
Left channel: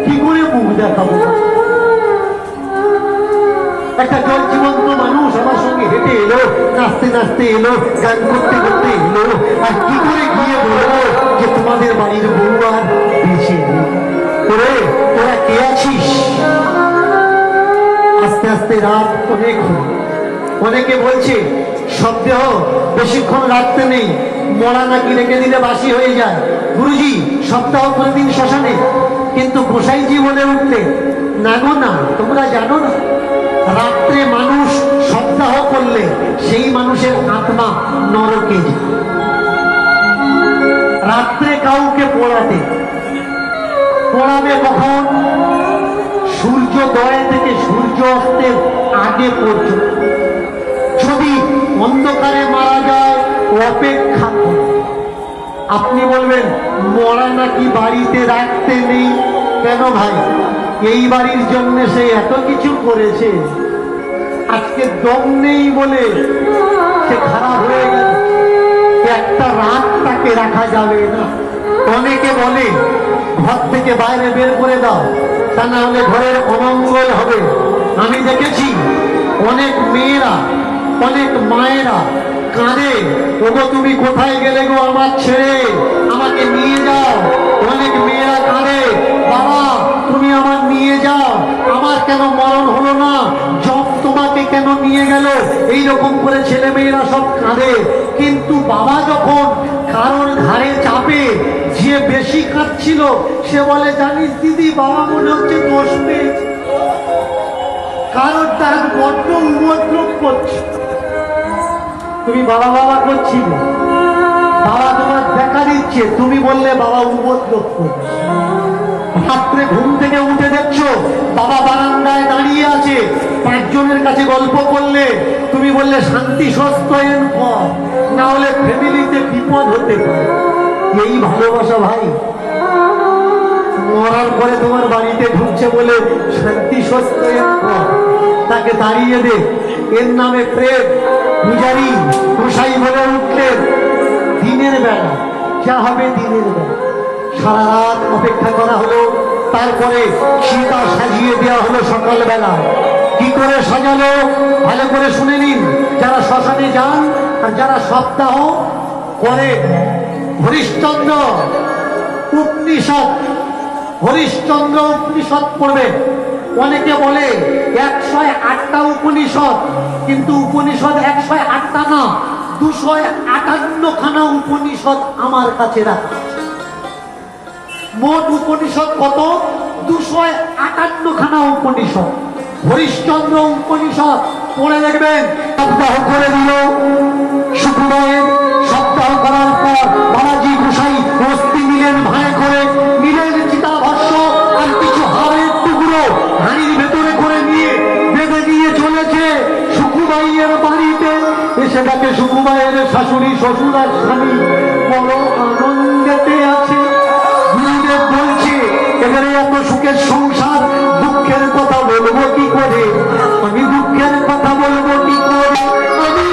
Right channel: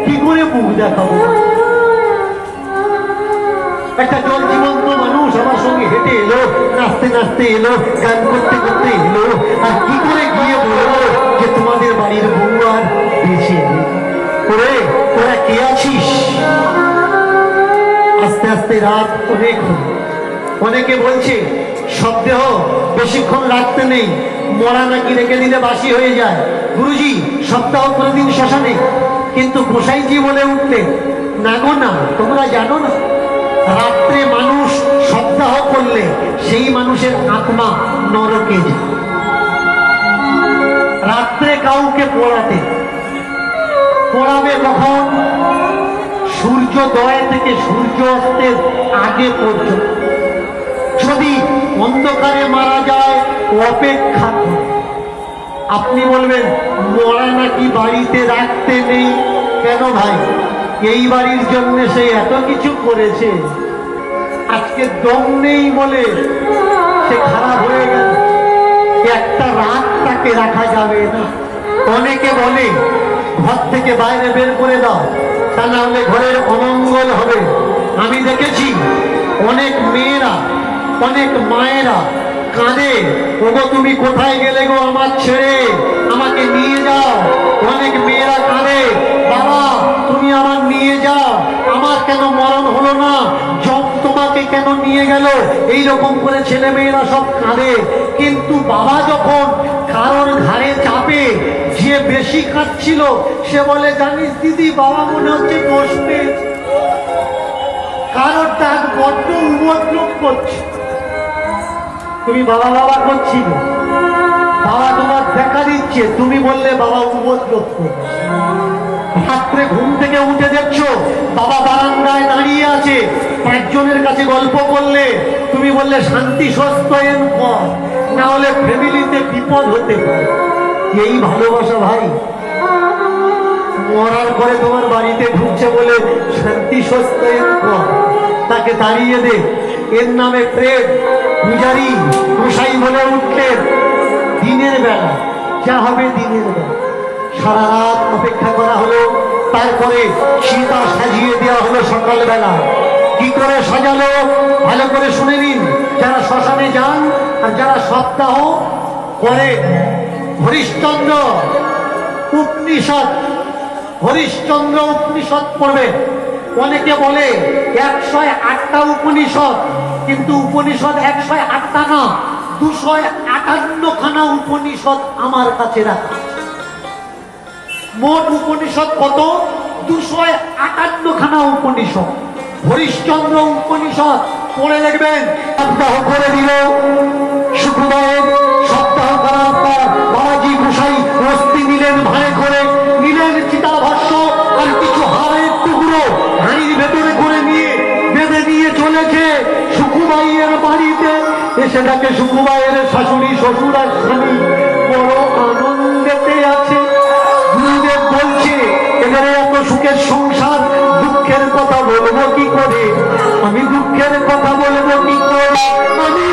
কি করে মুখ দেখাবো। একটা জল জীবন্ত মানুষ আমার সঙ্গে হেঁটে এলো, নাচতে নাচতে এলো, গান করতে করতে এলো, আর কি করে গিয়ে বলবো যে তোমাদের বাড়ির বউ আর বেঁচে নেই? তোরা কে আছিস? আস্তে আস্তে রাত অনেক হল। অনেকে বলছে সন্দেহ বেশিক্ষণ রাখতে নেই, মরা নাকি রেখে দিলে বাসি হয়ে যায়। গুরুজি সপ্তাহ করে দিন শ্মশানে। কিন্তু গোসাইজি বলে উঠলে, না গো না, তোমরা জানো না, রাত্রে মানুষ সপ্তাহ করলে সেই মানুষের আত্মা নরকে যায়। রাত্রে কাউকে পোড়াবে কখন? সূর্যোদয় থেকে সূর্য অস্তের আগে পর্যন্ত। যদি অন্ধকারে মারা যায় অপেক্ষা করে। আপনি বলবেন মরা নাকি বাড়িতে রাখতে নেই? কেন ভাই? এই বাড়ির জন্য সে এত কিছু করেছে, আজকে দম নেই বলে সে খারাপ হয়ে গেল। একটা রাত তাকে রাখা যাবে না। অনেকে বলে ঘর থেকে বাইরে বের করে দাও, তা না হলে ঘরের অমঙ্গল হবে। আমি দেখেছি অনেক মেয়েরা, অনেক মায়েরা কাঁদে, ওগো তুমি কোথায় গেলে গো আমার ছেড়ে, আমাকে নিয়ে যাও। অনেক মেয়েরা কাঁদে, বাবা তুমি আমার নিয়ে যাও, আমার কেন মরণ হলো না, জব তোমাকে কেন নিয়ে গেল? এইরকম করে ছেলে মেয়েরা সব কাঁদে। কিন্তু বাবা যখন কারোর ঘাড়ে চাপে, যে বেশি কাঁদছিল সে বলে, জানিস দিদি, বাবা মনে হচ্ছে দোষ পেয়েছে, কারোর তার বড্ড উপদ্রব করছে। তুমি বাবা বাবা করছিলে, বাবা তোমার দেখা দিচ্ছে, তুমি বললে বাবা উপদ্রব করছে। রাত্রে ঘুম থেকে উঠে দেখছো বাবা বারান্দায় দাঁড়িয়ে আছে, 5 জনের কাছে গল্প করলে, তুমি বললে শান্তি সস্তয়ন কর, না হলে ফ্যামিলিতে বিপদ হতে পারে। এই ভালোবাসা ভাই? মরার পরে তোমার বাড়িতে ঢুকছে বলে শান্তি সস্তয়ন কর, তাকে দাঁড়িয়ে দে। এর নামে প্রেম। পূজারী গোসাই বলে উঠলেন, দিনের বেলা যা হবে দিনের বেলা। সারা রাত অপেক্ষা করা হলো, তারপরে সীতা সাজিয়ে দেওয়া হলো সকালবেলা। কি করে সাজালো ভালো করে শুনে নিন, যারা শ্মশানে যান আর যারা সপ্তাহ করে। হরিশ্চন্দ্র উপনিষদ পড়বে। অনেকে বলে 108টা উপনিষদ, কিন্তু উপনিষদ 108টা না, 258খানা উপনিষদ আমার কাছে রাখা। মোট উপনিষদ কত? 258খানা উপনিষদ। হরিশ্চন্দ্র উপনিষদ পড়ে লিখবেন। সপ্তাহ করে দিল শুক্রবারের। সপ্তাহ করার পর বাবাজি গোসাই অস্থি নিলেন, ভাঁড়ে করে নিলেন চিতাভস্য আর কিছু হাড়ের টুকরো হাঁড়ির ভেতরে করে নিয়ে বেঁধে দিয়ে চলেছে সুকুবাইয়ের বাড়িতে। এসে দেখে সুকুবাইয়ের শাশুড়ি, শ্বশুর আর স্বামী বড় আনন্দেতে আছে। গুরুদেব বলছে, এবারে এত সুখের সংসার, দুঃখের কথা বলবো কি করে? আমি দুঃখের কথা বলবো কি করে? আমি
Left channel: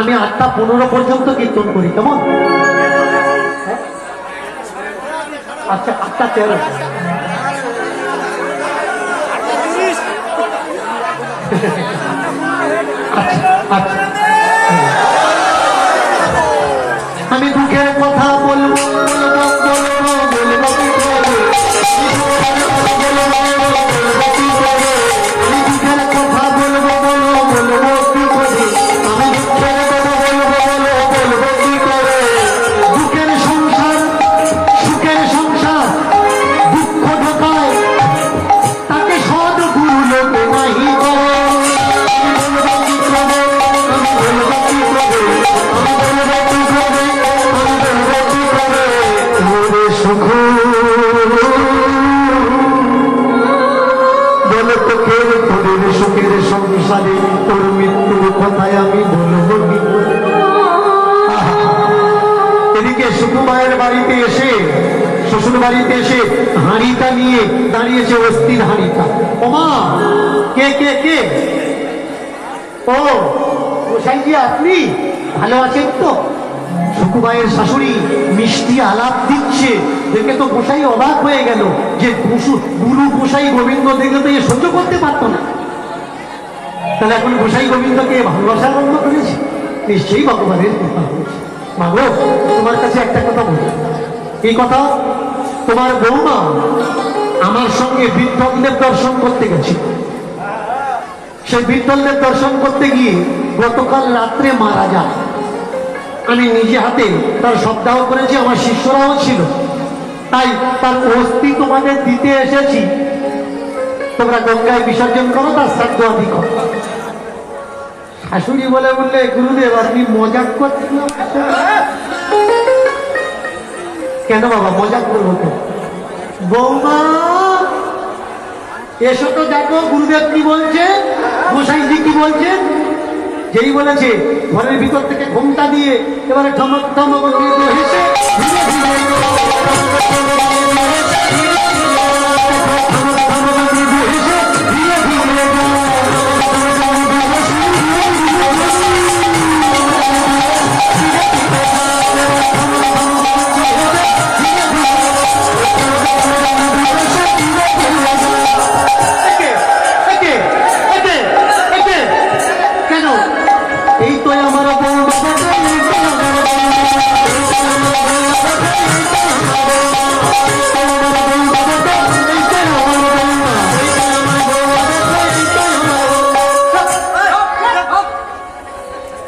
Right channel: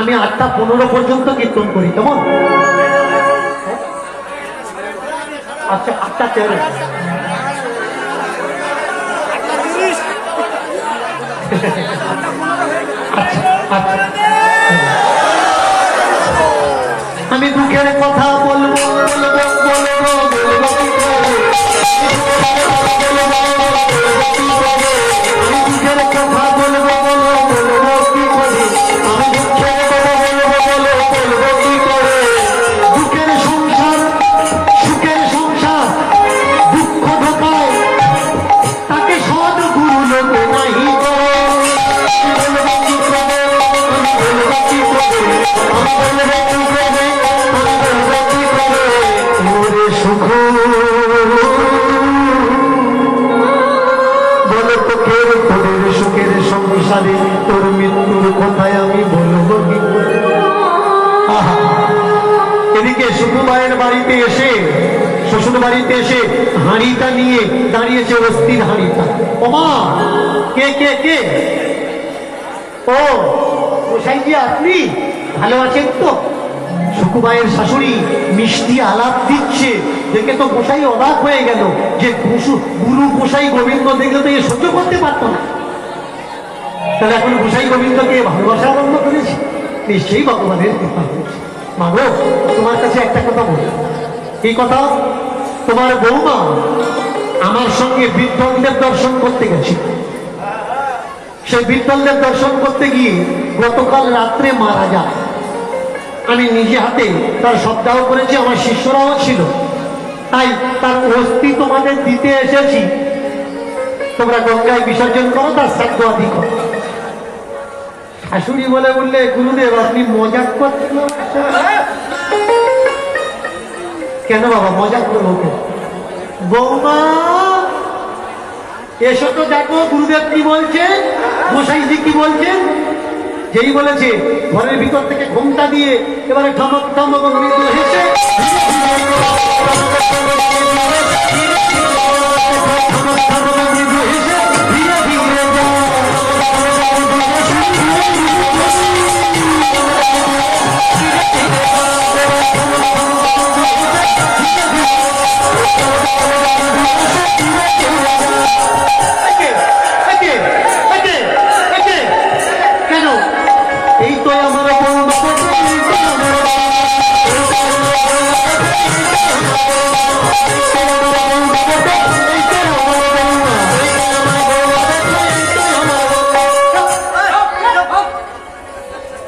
আমি 8টা 15 পর্যন্ত কীর্তন করি, কেমন? আচ্ছা 8টা 13। আমি দুঃখের কথা বলবো সুখের সংসারে শ্বশুর বাড়িতে এসে হাঁড়িটা নিয়ে দাঁড়িয়েছে, অস্থির হাঁড়িটা। ওমা, কে কে কে? ও গোসাইজি, আপনি ভালো আছেন তো? সুকুবাইয়ের শাশুড়ি মিষ্টি আলাপ দিচ্ছে, দেখে তো গোসাই অবাক হয়ে গেল যে গুরু গোসাই গোবিন্দ দেখে তো এ সহ্য করতে পারত না। তাহলে এখন গোসাই গোবিন্দকে ভালোবাসা আরম্ভ করেছে, নিশ্চয়ই ভগবানের কৃপা হয়েছে। মাগো, তোমার কাছে একটা কথা বলি। এই কথা, তোমার বৌমা আমার সঙ্গে বিঠ্ঠলদেব দর্শন করতে গেছে। সেই বিঠ্ঠলদেব দর্শন করতে গিয়ে গতকাল রাত্রে মারা যায়। আমি নিজে হাতে তার সপ্তাহ করেছি, আমার শিষ্যরাও ছিল, তাই তার অস্থি তোমাদের দিতে এসেছি। তোমরা গঙ্গায় বিসর্জন করো, তার শ্রাদ্ধ আদি করো। শাশুড়ি বলে বললে, গুরুদেব আপনি মজাক করছেন। কেন বাবা মজাক করবো? বৌমা এসো তো, দেখো গুরুদেব কি বলছে, গোসাইজি কি বলছেন। যেই বলেছে ঘরের ভিতর থেকে ঘোমটা দিয়ে এবারে ঠমক ঠমক হেসে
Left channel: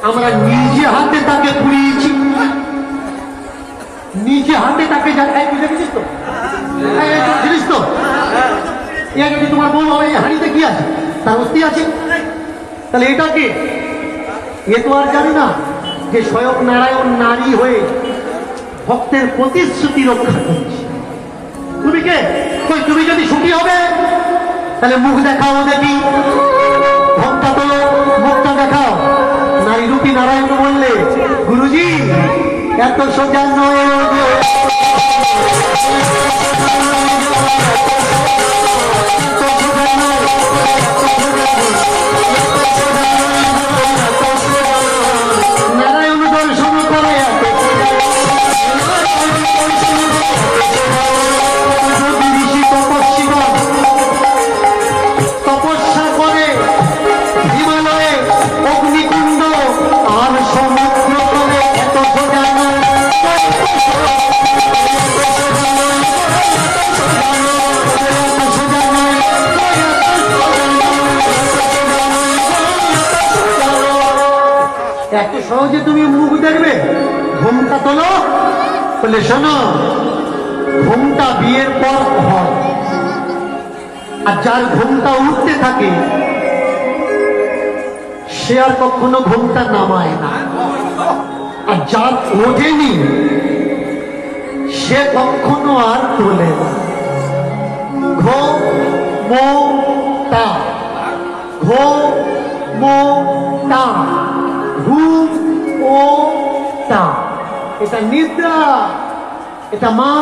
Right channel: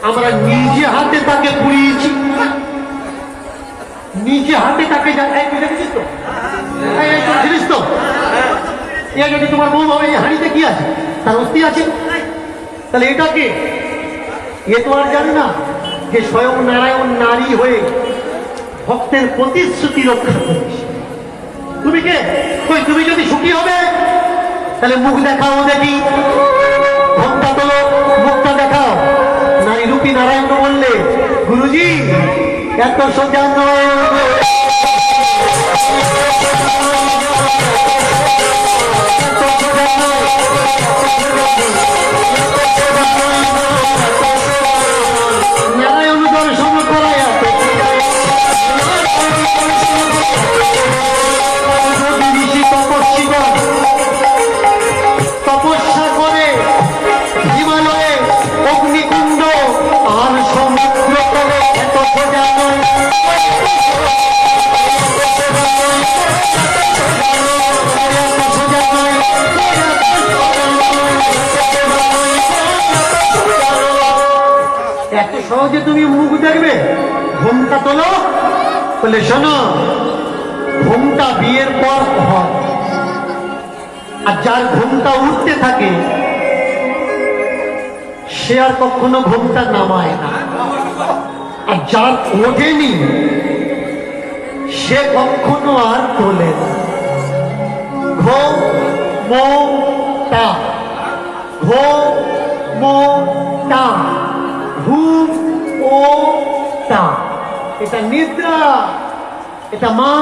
আমরা নিজে হাতে তাকে পুড়িয়েছি, নিজে হাতে তাকে দেখেছিস তো, জিনিস তো। তোমার বউ হবে, হাঁড়িতে কি আছে? তার অস্থি আছে। তাহলে এটা কে? এ তো আর জানে না যে স্বয়ং নারায়ণ নারী হয়ে ভক্তের প্রতিশ্রুতি রক্ষা করেছে। তুমি কে? তুমি যদি সুখী হবে তাহলে মুখ দেখাও, দেখি ঘন্টা তোলো, মুখটা দেখাও। নারী রূপী নারায়ণ বললে, গুরুজি এত সোজা নয়, নারায়ণ দর্শন করায় তপস্যা করে হিমালয়ে অগ্নিকুণ্ড আর সমুদ্র করে, এত সোজা নয়। এত সহজে তুমি মুখ দেখবে? ঘোমটা তোলো। বলে শোনো, ঘোমটা বিয়ের পর হয়, আর যার ঘোমটা উঠতে থাকে সে আর কখনো ঘোমটা নামায় না, আর যার ওঠেনি সে কখনো আর তোলে না। ঘোমটা, ঘোমটা, ঘুমটা। এটা নিদ্রা, এটা মা,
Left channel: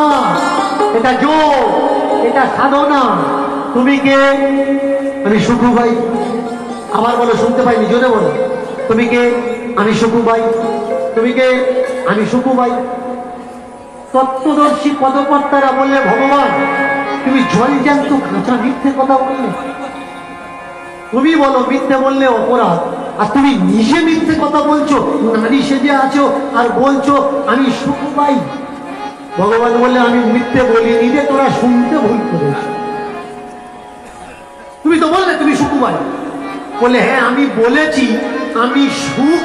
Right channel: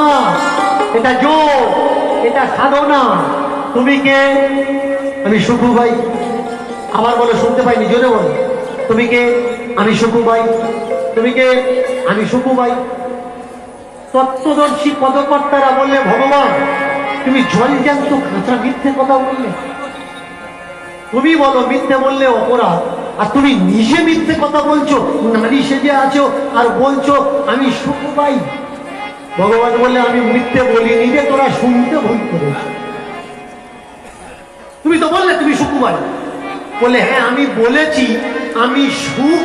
এটা যোগ, এটা সাধনা। তুমি কে? আমি সুখু ভাই। আবার বলো, শুনতে পাইনি, জোরে বলো। তুমি কে? আমি সুখু ভাই। তুমি কে? আমি সুখু ভাই। তত্ত্বদর্শী পদকর্তারা বললে, ভগবান তুমি জলজ্যান্ত কাঁচা মিথ্যে কথা বললে। তুমি বলো মিথ্যে বললে অপরাধ, আর তুমি নিজে মিথ্যে কথা বলছো, নারী সেজে আছো আর বলছো আমি সুখু ভাই। ভগবান বললে, আমি মিথ্যে বলিনি যে, তোরা শুনতে ভুল করেছ। তুমি তো বললে তুমি সুখু ভাই। বলে, হ্যাঁ আমি বলেছি আমি সুখ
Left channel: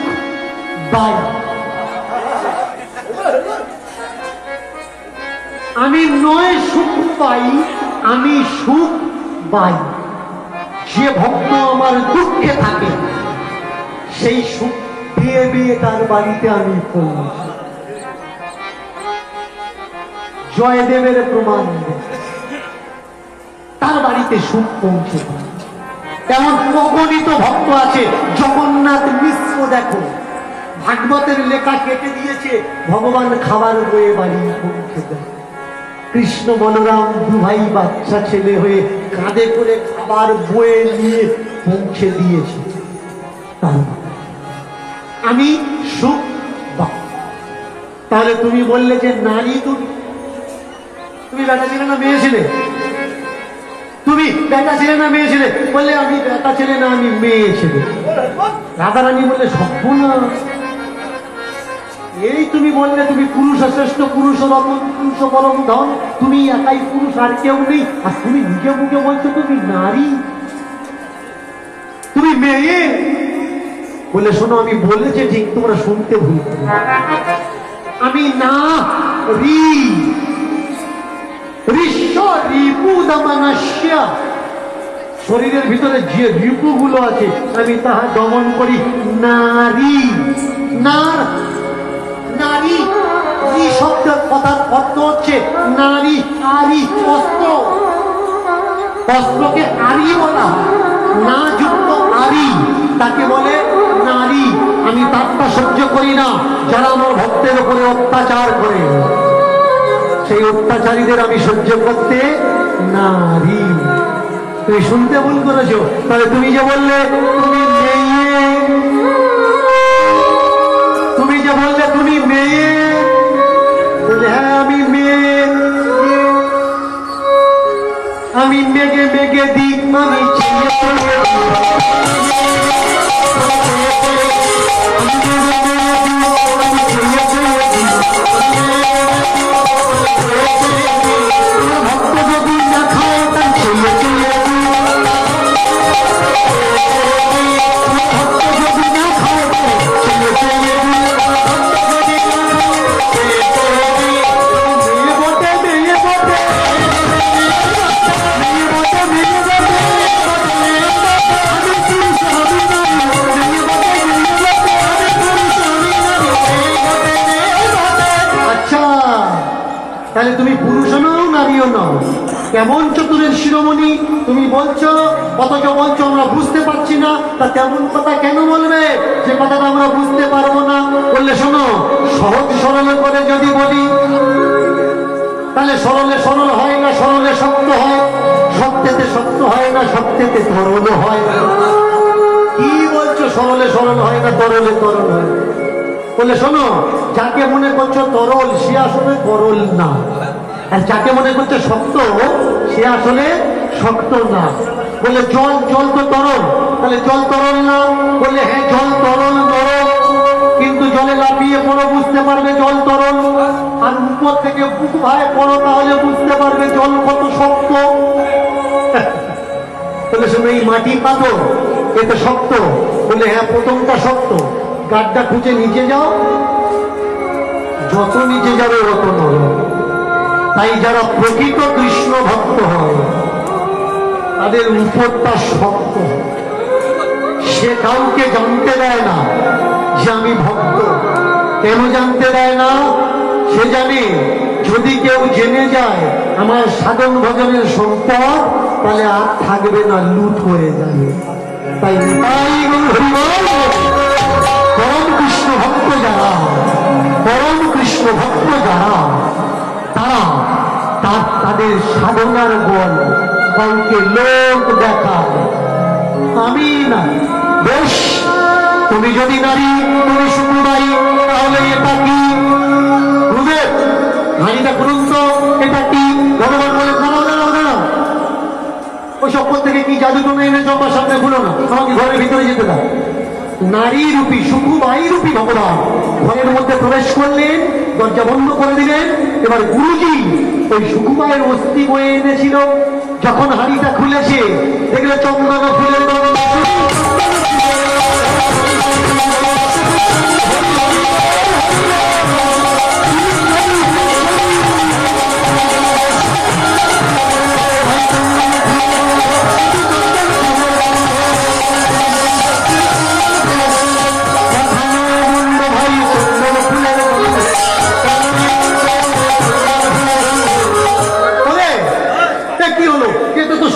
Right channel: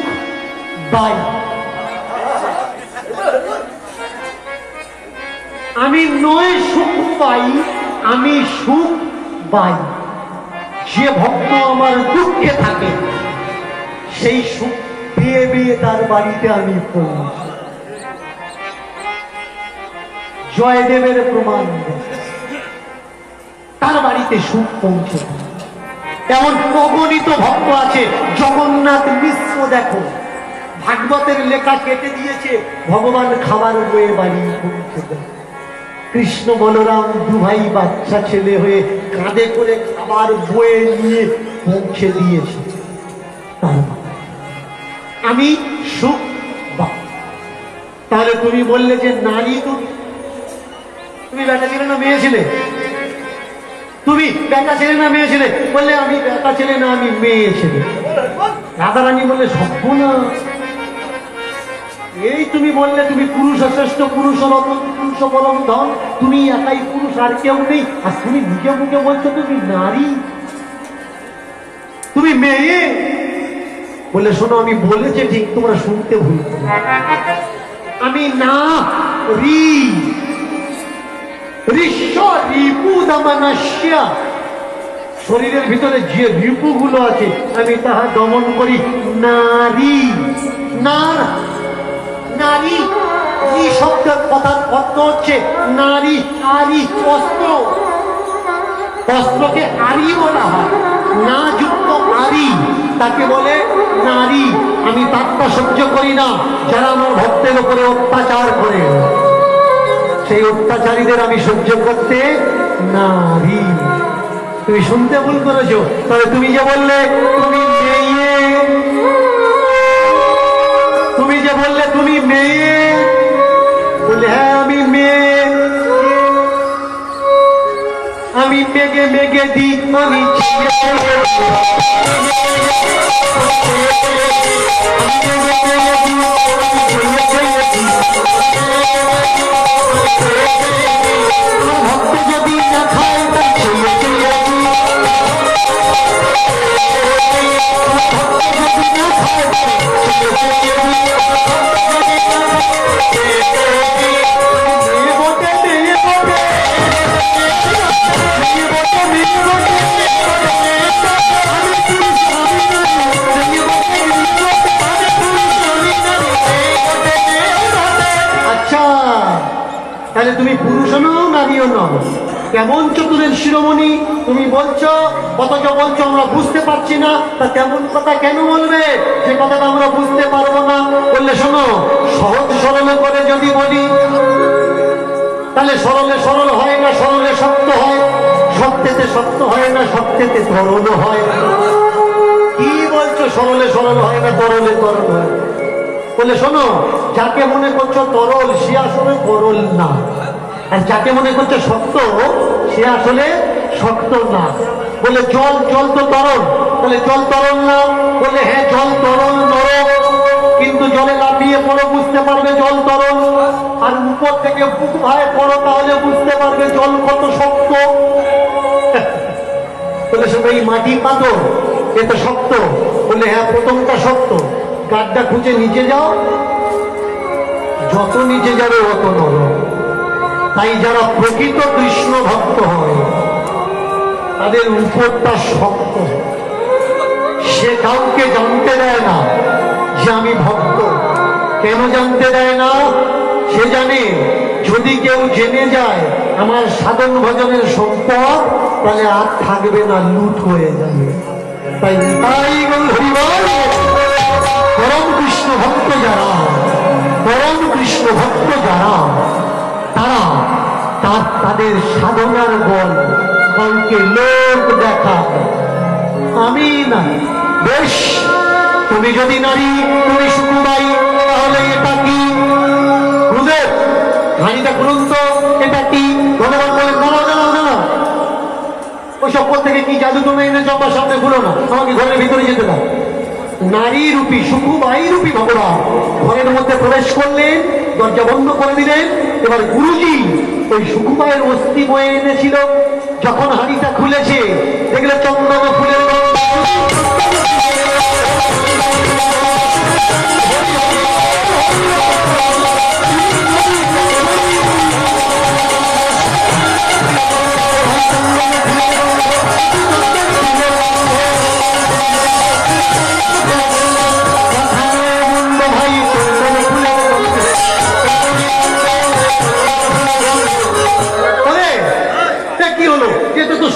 বাই, আমি নয় সুখ পাই, আমি সুখ বাই। যে ভক্ত আমার দুঃখে থাকে সেই সুখ বিয়ে বিয়ে তার বাড়িতে আমি পৌঁছি। জয়দেবের প্রমাণ, তার বাড়িতে সুখ পৌঁছে। এমন অগণিত ভক্ত আছে। জগন্নাথ মিশ্র দেখো, ভাগবতের লেখা কেটে দিয়েছে, ভগবান খাবার বয়ে বাড়ি পৌঁছে দেয়। কৃষ্ণ বলরাম দুভাই বাচ্চা ছেলে হয়ে কাঁধে করে খাবার বয়ে নিয়ে পৌঁছে দিয়েছে। তার মানে আমি সুখ। তাহলে তুমি বললে যে নারী, তুমি বেটা ছেলে না মেয়ে ছেলে? তুমি বেটা ছেলে না মেয়ে ছেলে? বললে আমি বেটা ছেলে না, আমি মেয়ে ছেলে। রাধারানী বললে সভ্য না। এই তুমি বললে তুমি পুরুষ শ্রেষ্ঠ, পুরুষ রতন, পুরুষ পরম ধন, তুমি একাই পুরুষ, আর কেউ নেই। আর তুমি নিজে মুখে বলছো তুমি নারী, তুমি মেয়ে। বলে শোনো, আমি বলেছি ঠিক, তোমরা শুনতে ভুল করো। আমি না শরীরের ভিতরে যে রিপুগুলো আছে আমি তাহা দমন করি। নারী, নারী শব্দের কথার অর্থ হচ্ছে নারী, আরি, অস্ত্র। অস্ত্রকে আরি বলা হয়, না যুক্ত আরি তাকে বলে নারী। আমি তারটা সহ্য করি না যারা আমার ভক্তের উপরে অত্যাচার করে, সেই অত্যাচারীদের আমি সহ্য করতে নারী। তুমি শুনতে ভুল করেছো। তাহলে তুমি যে বললে তুমি মেয়ে, তুমি যে বললে তুমি মেয়ে, বলে হ্যাঁ আমি মেয়ে, আমি মেঘে মেঘে দিক, আমি ভক্ত যদি না খায় তাই ছেলে ছেলে, ভক্ত যদি না খায় তাই ছেলে ছেলে, মেয়ে বটে, মেয়ে বটে, মেয়ে বটে, মেয়ে বটে, আমি পুরুষ, আমি নারী, মেয়ে বটে, মেয়ে বটে, আমি পুরুষ, আমি নারী, মেয়ে বটে। আচ্ছা, তাহলে তুমি পুরুষও নও নারীও নও, কেমন চতুরের শিরোমণি তুমি বলছো, অথচ বলছো আমরা বুঝতে পারছি না। তা তেমন কথা কেন বলবে যে কথাটা আমরা বুঝতে পারবো না? বললে শোনো, সহজ সরল করে যদি বলি তাহলে সরলে সরল হয় না, সরলে শক্ত হয়, শক্তেতে শক্ত হয় না, শক্তেতে তরল হয়। কি বলছো সরলে সরল হয় না, তরলে তরল হয়? বলে শোনো, যাকে মনে করছো তরল সে আসলে তরল না, আর যাকে মনে করছো শক্ত সে আসলে শক্ত না। বলে জল, জল তো তরল, তাহলে জল তরল না? বলে হ্যাঁ জল তরল নরম, কিন্তু জলে লাফিয়ে পড়ো বুঝতে পারবে জল তরল, আর উপর থেকে বুক ভাই পড়ো তাহলে বুঝতে পারবে জল কত শক্ত। বলে শোনো, এই মাটি পাথর এটা শক্ত? বলে হ্যাঁ প্রথমটা শক্ত, গাড্ডা খুঁজে নিচে যাও, যত নিচে যাবে অত নরম। তাই যারা প্রকৃত কৃষ্ণ ভক্ত হয় তাদের উপরটা শক্ত, সে কাউকে জানতে দেয় না যে আমি ভক্ত। কেন জানতে দেয় না? সে জানে যদি কেউ জেনে যায় আমার সাধন ভজনের সম্পদ, তাহলে আর থাকবে না, লুট হয়ে যাবে। তাই পরম কৃষ্ণ ভক্ত যারা, পরম কৃষ্ণ ভক্ত যারা, তারা তাদের সাধনার বল কাউকে লোক দেখাবে। আমি না। বেশ, তুমি যদি নারী, তুমি সুকুমাই, তাহলে এটা কি? গুরুদেব হাঁড়িটা খুলুন তো, এটা কি? ভগবান বলে দাঁড়াও দাঁড়াও দাঁড়াও, ওই সপ্পর থেকে কি জাদু তুমি এনেছ আমার সামনে খুলো না, আমাকে ঘরের ভিতরে যেতে দাও। নারী রূপী, সুকুমাই রূপী ভগবান ঘরের মধ্যে প্রবেশ করলেন, দরজা বন্ধ করে দিলেন। এবার গুরুজি ওই সুকুমায়ের অস্থি বয়ে এনেছিল, যখন হাঁড়িটা খুলেছে দেখলে চন্দন ফুলের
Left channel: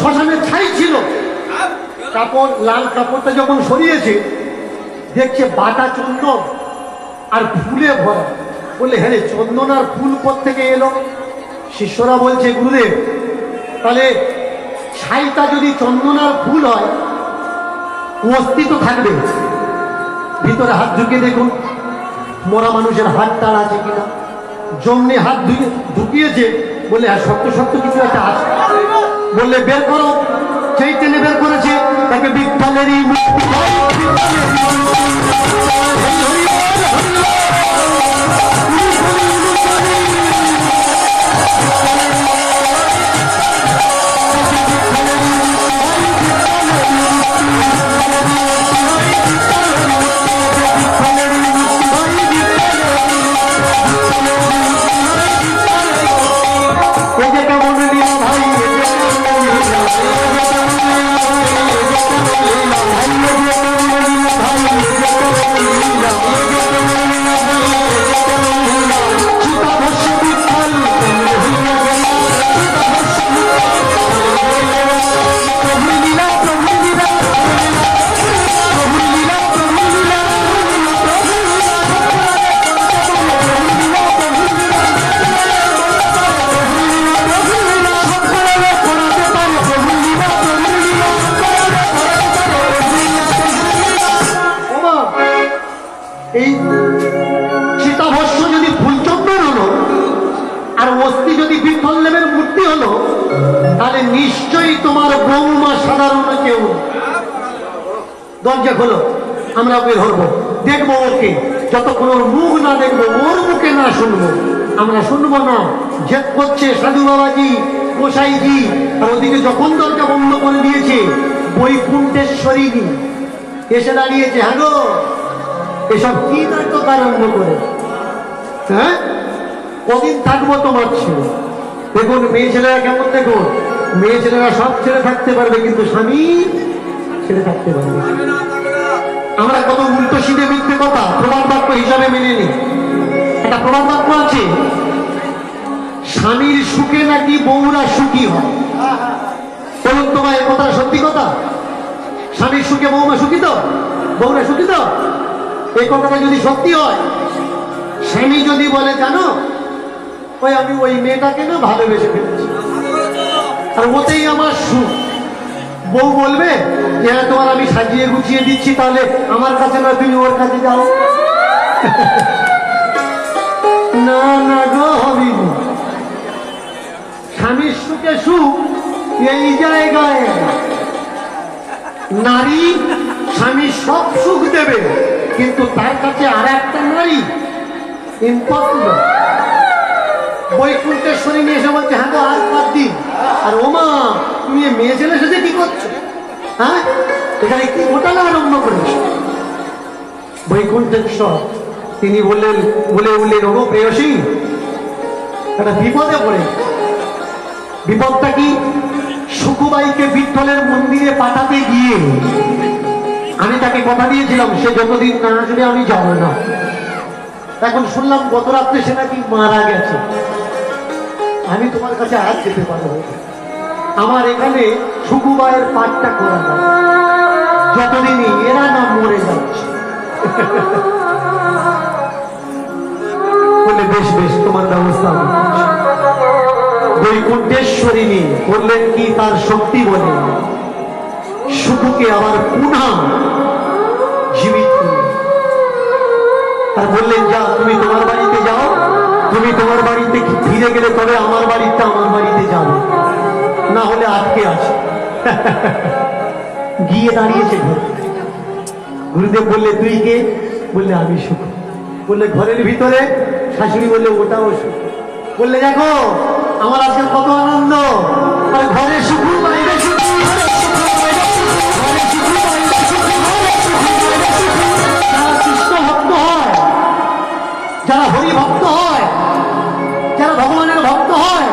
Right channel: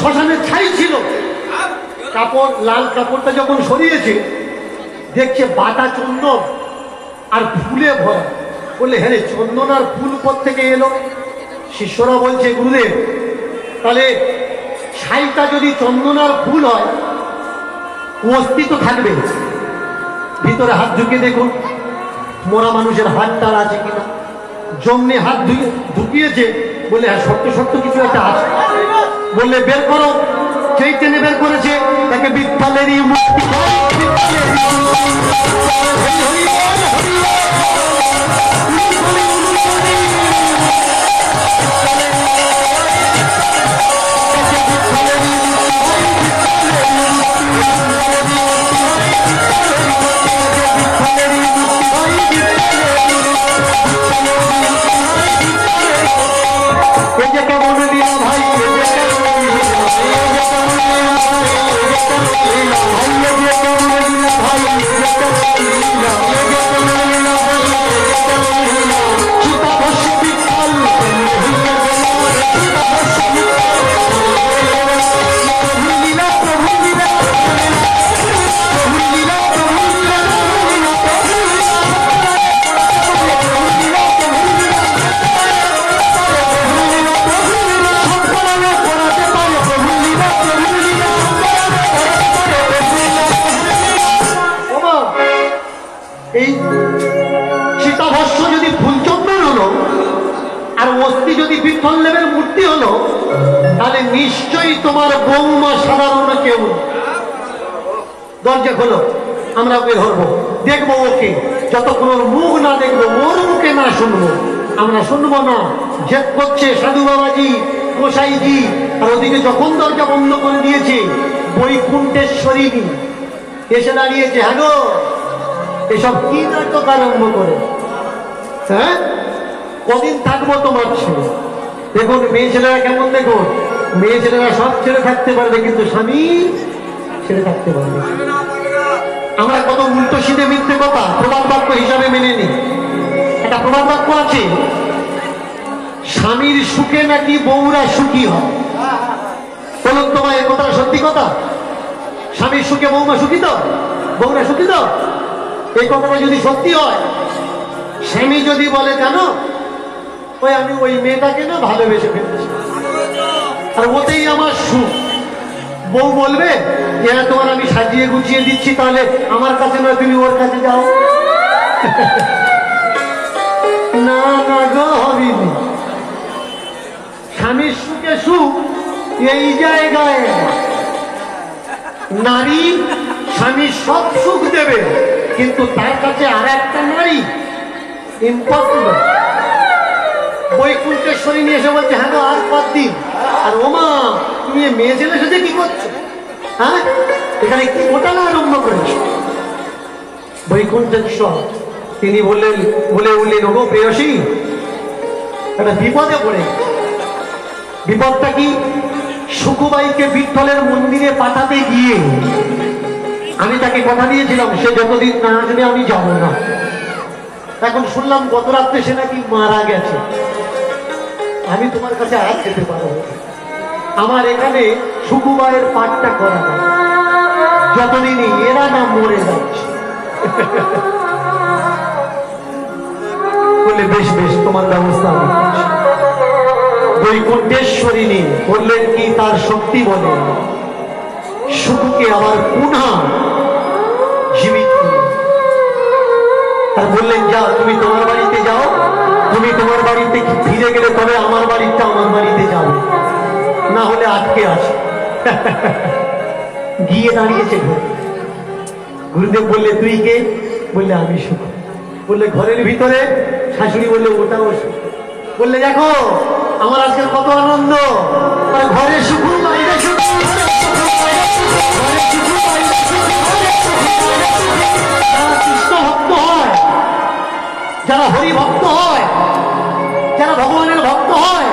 শ্মশানের ছাই ছিল। কাপড়, লাল কাপড়টা যখন সরিয়েছে দেখছে বাটা চন্দন, আর ফুলে ভরা। বললে হ্যাঁ রে, চন্দন আর ফুল কোত্থেকে এলো? শিষ্যরা বলছে গুরুদেব, তাহলে ছাইটা যদি চন্দন আর ফুল হয়, অস্থি তো থাকবে। ভিতরে হাত ঢুকিয়ে দেখুন, মরা মানুষের হাত টার আছে কিনা। জমনে হাত ঢুকিয়েছে, বলে হ্যাঁ সত্য সত্য কিছু একটা আছে। বললে বের করো, সেই টেনে বের করেছে, তাকে বিঠলেরই মুক্তি। এই সীতাভস্য যদি ফুলচন্দন হলো আর অস্থি যদি বিঠল্লেবের মূর্তি হলো, তাহলে নিশ্চয়ই তোমার বৌমা সাধারণ কেউ। দরজা খোলো, আমরা ওকে ধরবো, দেখবো ওকে। যতক্ষণ ওর মুখ না দেখবো, ওর মুখে না শুনবো, আমরা শুনবো না। জেদ করছে সাধু বাবাজি, গোসাইজি, আর ওদিকে যখন দরজা বন্ধ করে দিয়েছে, বৈকুণ্ঠেশ্বরী এসে দাঁড়িয়েছে। হ্যাঁ গো, এসব কি নাটক আরম্ভ করে? হ্যাঁ, কদিন থাকবো তোমার ছেলে? দেখুন মেয়ে ছেলেরা কেমন, দেখুন মেয়ে ছেলেরা সব ছেড়ে থাকতে পারবে, কিন্তু স্বামী ছেড়ে থাকতে পারবে। আমরা কত উল্টো সিধে মিথ্যে কথা প্রমাণ বাক্য হিসাবে মেনে নিই। একটা প্রমাণ বাক্য আছে, স্বামীর সুখে নাকি বউরা সুখী হয়। বলুন তোমার এই কথাটা সত্যি কথা? স্বামীর সুখে বউমা সুখী তো, বউরা সুখী তো? এই কথাটা যদি সত্যি হয়, স্বামী যদি বলে জানো ওই আমি ওই মেয়েটাকে না ভালোবেসে ফেলেছি আর ওতেই আমার সুখ, বউ বলবে যে হ্যাঁ তোমার আমি সাজিয়ে গুছিয়ে দিচ্ছি, তাহলে আমার কাছে নয় তুমি ওর কাছে যাও। না না গো হবিনি, স্বামীর সুখে সুখ এই জায়গায়। নারী স্বামী সব সুখ দেবে, কিন্তু তার কাছে আর একটা নারী ইম্পর্টেন্ট। বৈকুণ্ঠেশ্বরী নিয়ে এসে বলছে হ্যাঁ আর 5 দিন। আর ওমা তুমি মেয়ে ছেলে সেজে কি করছো? হ্যাঁ, এখানে কি ঘটনা আরম্ভ করেছো? বৈকুণ্ঠেশ্বর তিনি বললেন, বলে উঠলেন ওগো প্রেয়সী, একটা বিপদে পড়ে। বিপদটা কি? সুকুবাইকে বিঠলের মন্দিরে পাঠাতে গিয়ে আমি তাকে কথা দিয়েছিলাম সে যতদিন না আসবে আমি যাব না। এখন শুনলাম গত রাত্রে সে নাকি মারা গেছে। আমি তোমার কাছে আর যেতে পারবো? আমার এখানে সুকুবাইয়ের পাঠটা করা যায়, যতদিনই এরা না মরে যাচ্ছে। বলে বেশ বেশ, তোমার ব্যবস্থা আমি করছি। বৈকুণ্ঠেশ্বরিণী বললেন কি তার শক্তি বলে সুকুকে আবার পুনঃ জীবিত আর বললেন যা তুমি তোমার বাড়িতে যাও, তুমি তোমার বাড়িতে ফিরে গেলে তবে আমার বাড়িতে আমার বাড়িতে যাবে, না হলে আটকে আছে। গিয়ে দাঁড়িয়েছে ঘরে। গুরুদেব বললে তুই কে? বললে আমি সুখ। বললে ঘরের ভিতরে? শাশুড়ি বললে ওটাও সুখ। বললে দেখো আমার আজকে কত আনন্দ, আর ঘরে সুখ বাইরে সুখ। কৃষ্ণ ভক্ত হয়, যারা হরি ভক্ত হয়, যারা ভগবানের ভক্ত হয়,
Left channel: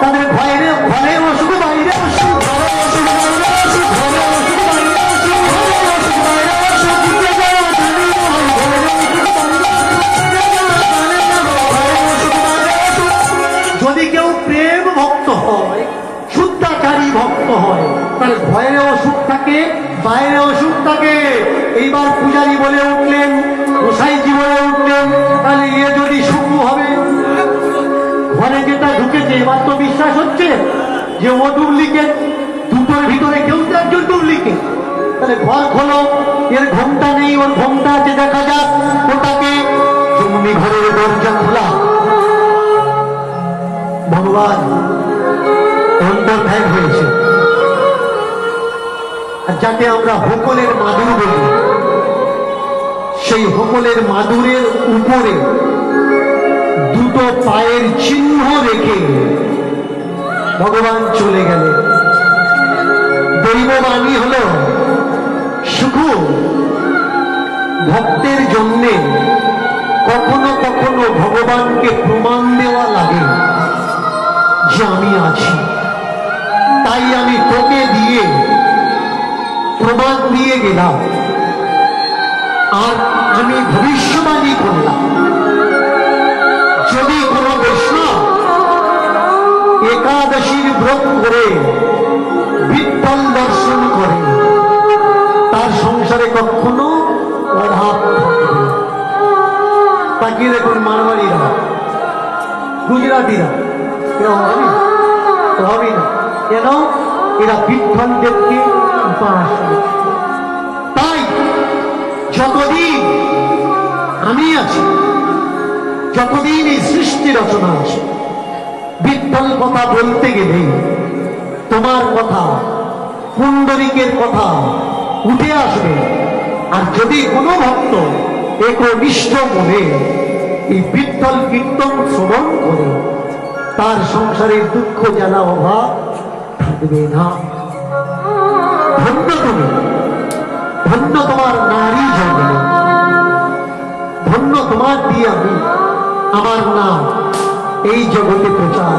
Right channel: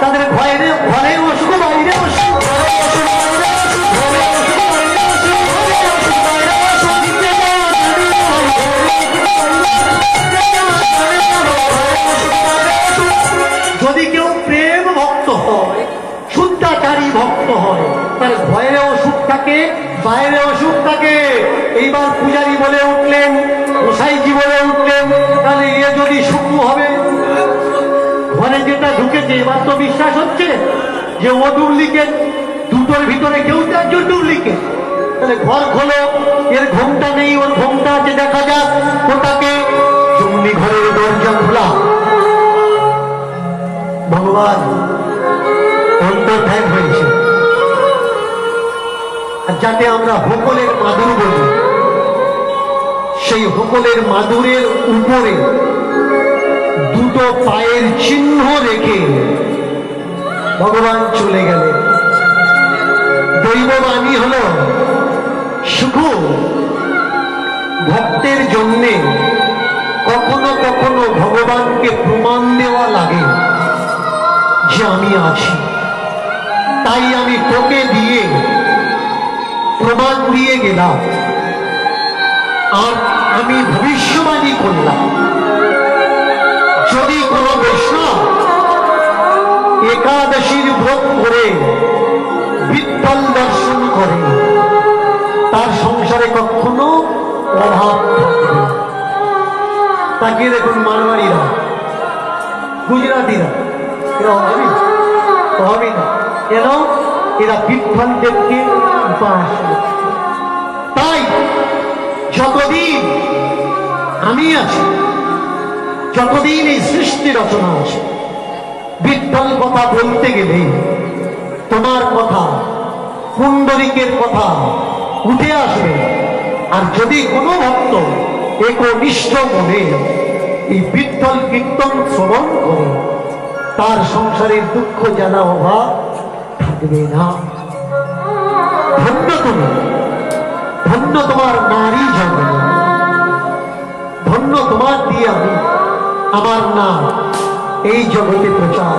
তাদের ঘরে ঘরে অসুখ বাইরে অসুখ। যদি কেউ প্রেম ভক্ত হয়, শুদ্ধাচারী ভক্ত হয়, তার ঘরেও সুখ থাকে, বাইরে অসুখ থাকে। এইবার পূজারী বলে উঠলেন, গোসাইজি বলে উঠলেন, তাহলে ইয়ে যদি শুক্র হবে। ঘরে যেটা ঢুকেছে এবার তো বিশ্বাস হচ্ছে যে ও ডুপ্লিকেট, দুটোর ভিতরে কেউ তো একজন ডুপ্লিকেট। তাহলে ঘর খোলো, এর ঘোমটা নেই, ওর ঘোমটা আছে, দেখা যাক ওটাকে। জমনি ঘরের দরজা খোলা, ভগবান অন্তর্ধান হয়েছে। আর যাতে আমরা হোকলের মাদুর বলি, সেই হোকলের মাদুরের উপরে দুটো পায়ের চিহ্ন রেখে ভগবান চলে গেলেন। দৈববাণী হল শুধু ভক্তের জন্যে কখনো কখনো ভগবানকে প্রমাণ দেওয়া লাগে যে আমি আছি, তাই আমি তোকে দিয়ে প্রমাণ দিয়ে গেলাম। আর আমি ভবিষ্যবাণী করলাম, যদি কোনো বৈষ্ণব একাদশীর ব্রত করে বিঠ্ঠল দর্শন করে তার সংসারে কখনো অভাব থাকবে। তাকিয়ে দেখুন মারওয়াড়িরা, গুজরাটিরা, এরা হবে না কেন? এরা বিঠ্ঠল দেবকে উপাস করে। তাই যতদিন আমি আছি, যতদিন এই সৃষ্টি রচনা আছে, বিঠ্ঠল কথা বলতে গেলে তোমার কথা, পুণ্ডরিকের কথা উঠে আসবে। আর যদি কোনো ভক্ত একনিষ্ঠ মনে এই বিঠ্ঠল কীর্তন শ্রবণ করে, তার সংসারের দুঃখ জ্বালা অভাব থাকবে না। ধন্য তুমি, ধন্য তোমার নারী জন্ম, ধন্য তোমার দিয়ে আমি আমার নাম এই জগতে প্রচার।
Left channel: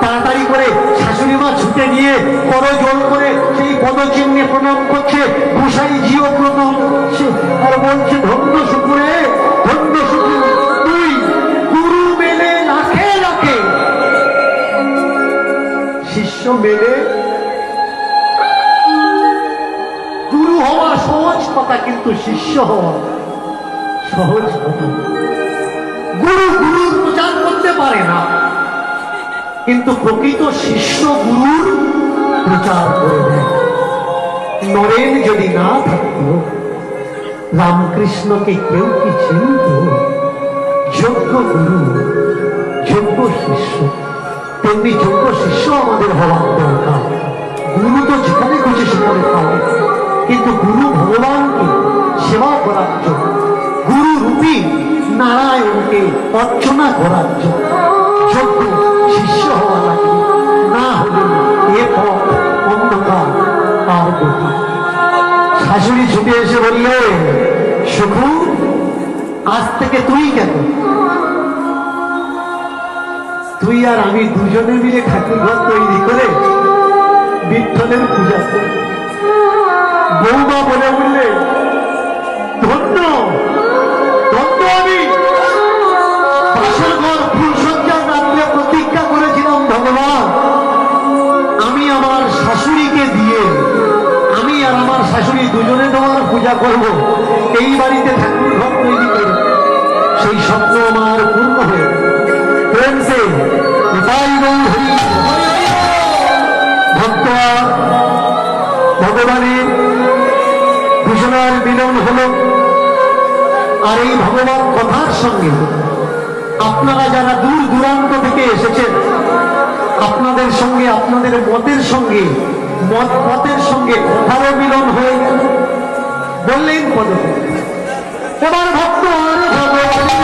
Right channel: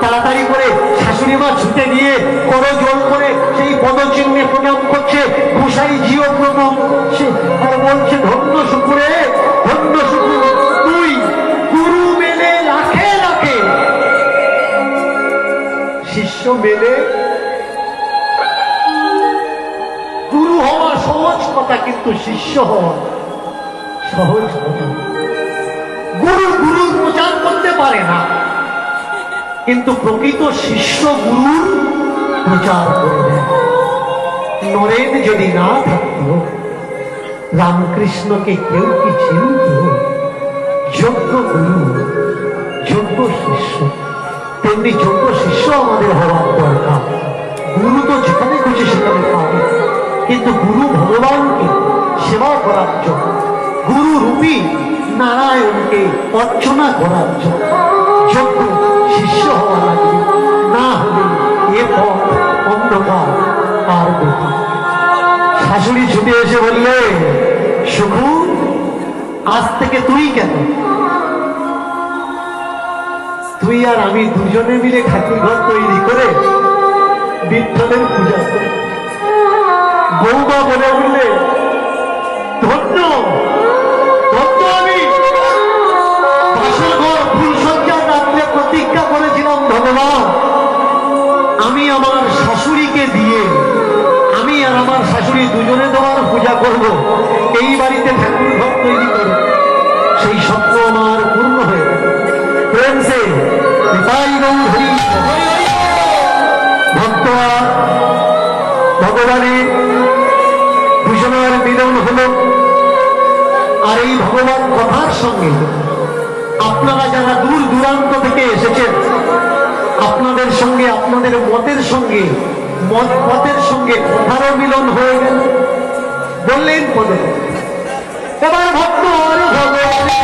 তাড়াতাড়ি করে শাশুড়ি মা ছুটে গিয়ে করজোড় করে সেই পদচিহ্নে প্রণাম করছে, গোসাই জিও প্রণাম করছে আর বলছে, ধন্য শুকুরে, ধন্য শুকুর, তুই গুরু মেলে লাখে লাখে, শিষ্য মেলে। গুরু হওয়া সহজ কথা, কিন্তু শিষ্য হওয়া সহজ কথা। গুরু গুরুর প্রচার করতে পারে না, কিন্তু প্রকৃত শিষ্য গুরুর প্রচার করে দেয়। নরেন যদি না থাকত, রামকৃষ্ণকে কেউ কি চিনত? যোগ্য গুরু, যোগ্য শিষ্য, তেমনি যোগ্য শিষ্য আমাদের হওয়ার দরকার। গুরু তো যেখানে খুঁজে সেখানে পাবে, কিন্তু গুরু ভগবানকে সেবা করার জন্য, গুরু রূপী নারায়ণকে অর্চনা করার জন্য যোগ্য শিষ্য হওয়া লাগে। না হলে এ পথ অন্ধকার আর গোটা। শাশুড়ি ছুটে এসে বললে, সুখু আজ থেকে তুই কেন, তুই আর আমি দুজনে মিলে ঠাকুর ঘর তৈরি করে বিঠ্ঠলের পূজা করি। বৌমা বলে উঠলে, ধন্য ধন্য আমি। পাশের ঘর ফুলসজ্জার রাত্রে প্রতিজ্ঞা করেছিলাম, ভগবান আমি আমার শাশুড়িকে দিয়ে, আমি আর আমার শাশুড়ি দুজনে তোমার পূজা করব, এই বাড়িতে ঠাকুর ঘর তৈরি করে। সেই স্বপ্ন আমার পূর্ণ হয়ে প্রেম সে ভক্ত ভগবানের ভূষণের মিলন হল। আর এই ভগবান কথার সঙ্গে আপনারা যারা দূর দূরান্ত থেকে এসেছেন, আপনাদের সঙ্গে, আপনাদের মতের সঙ্গে, মতের সঙ্গে কথারও মিলন হয়ে গেল। বললেন পদে এবার ভক্ত ভগবান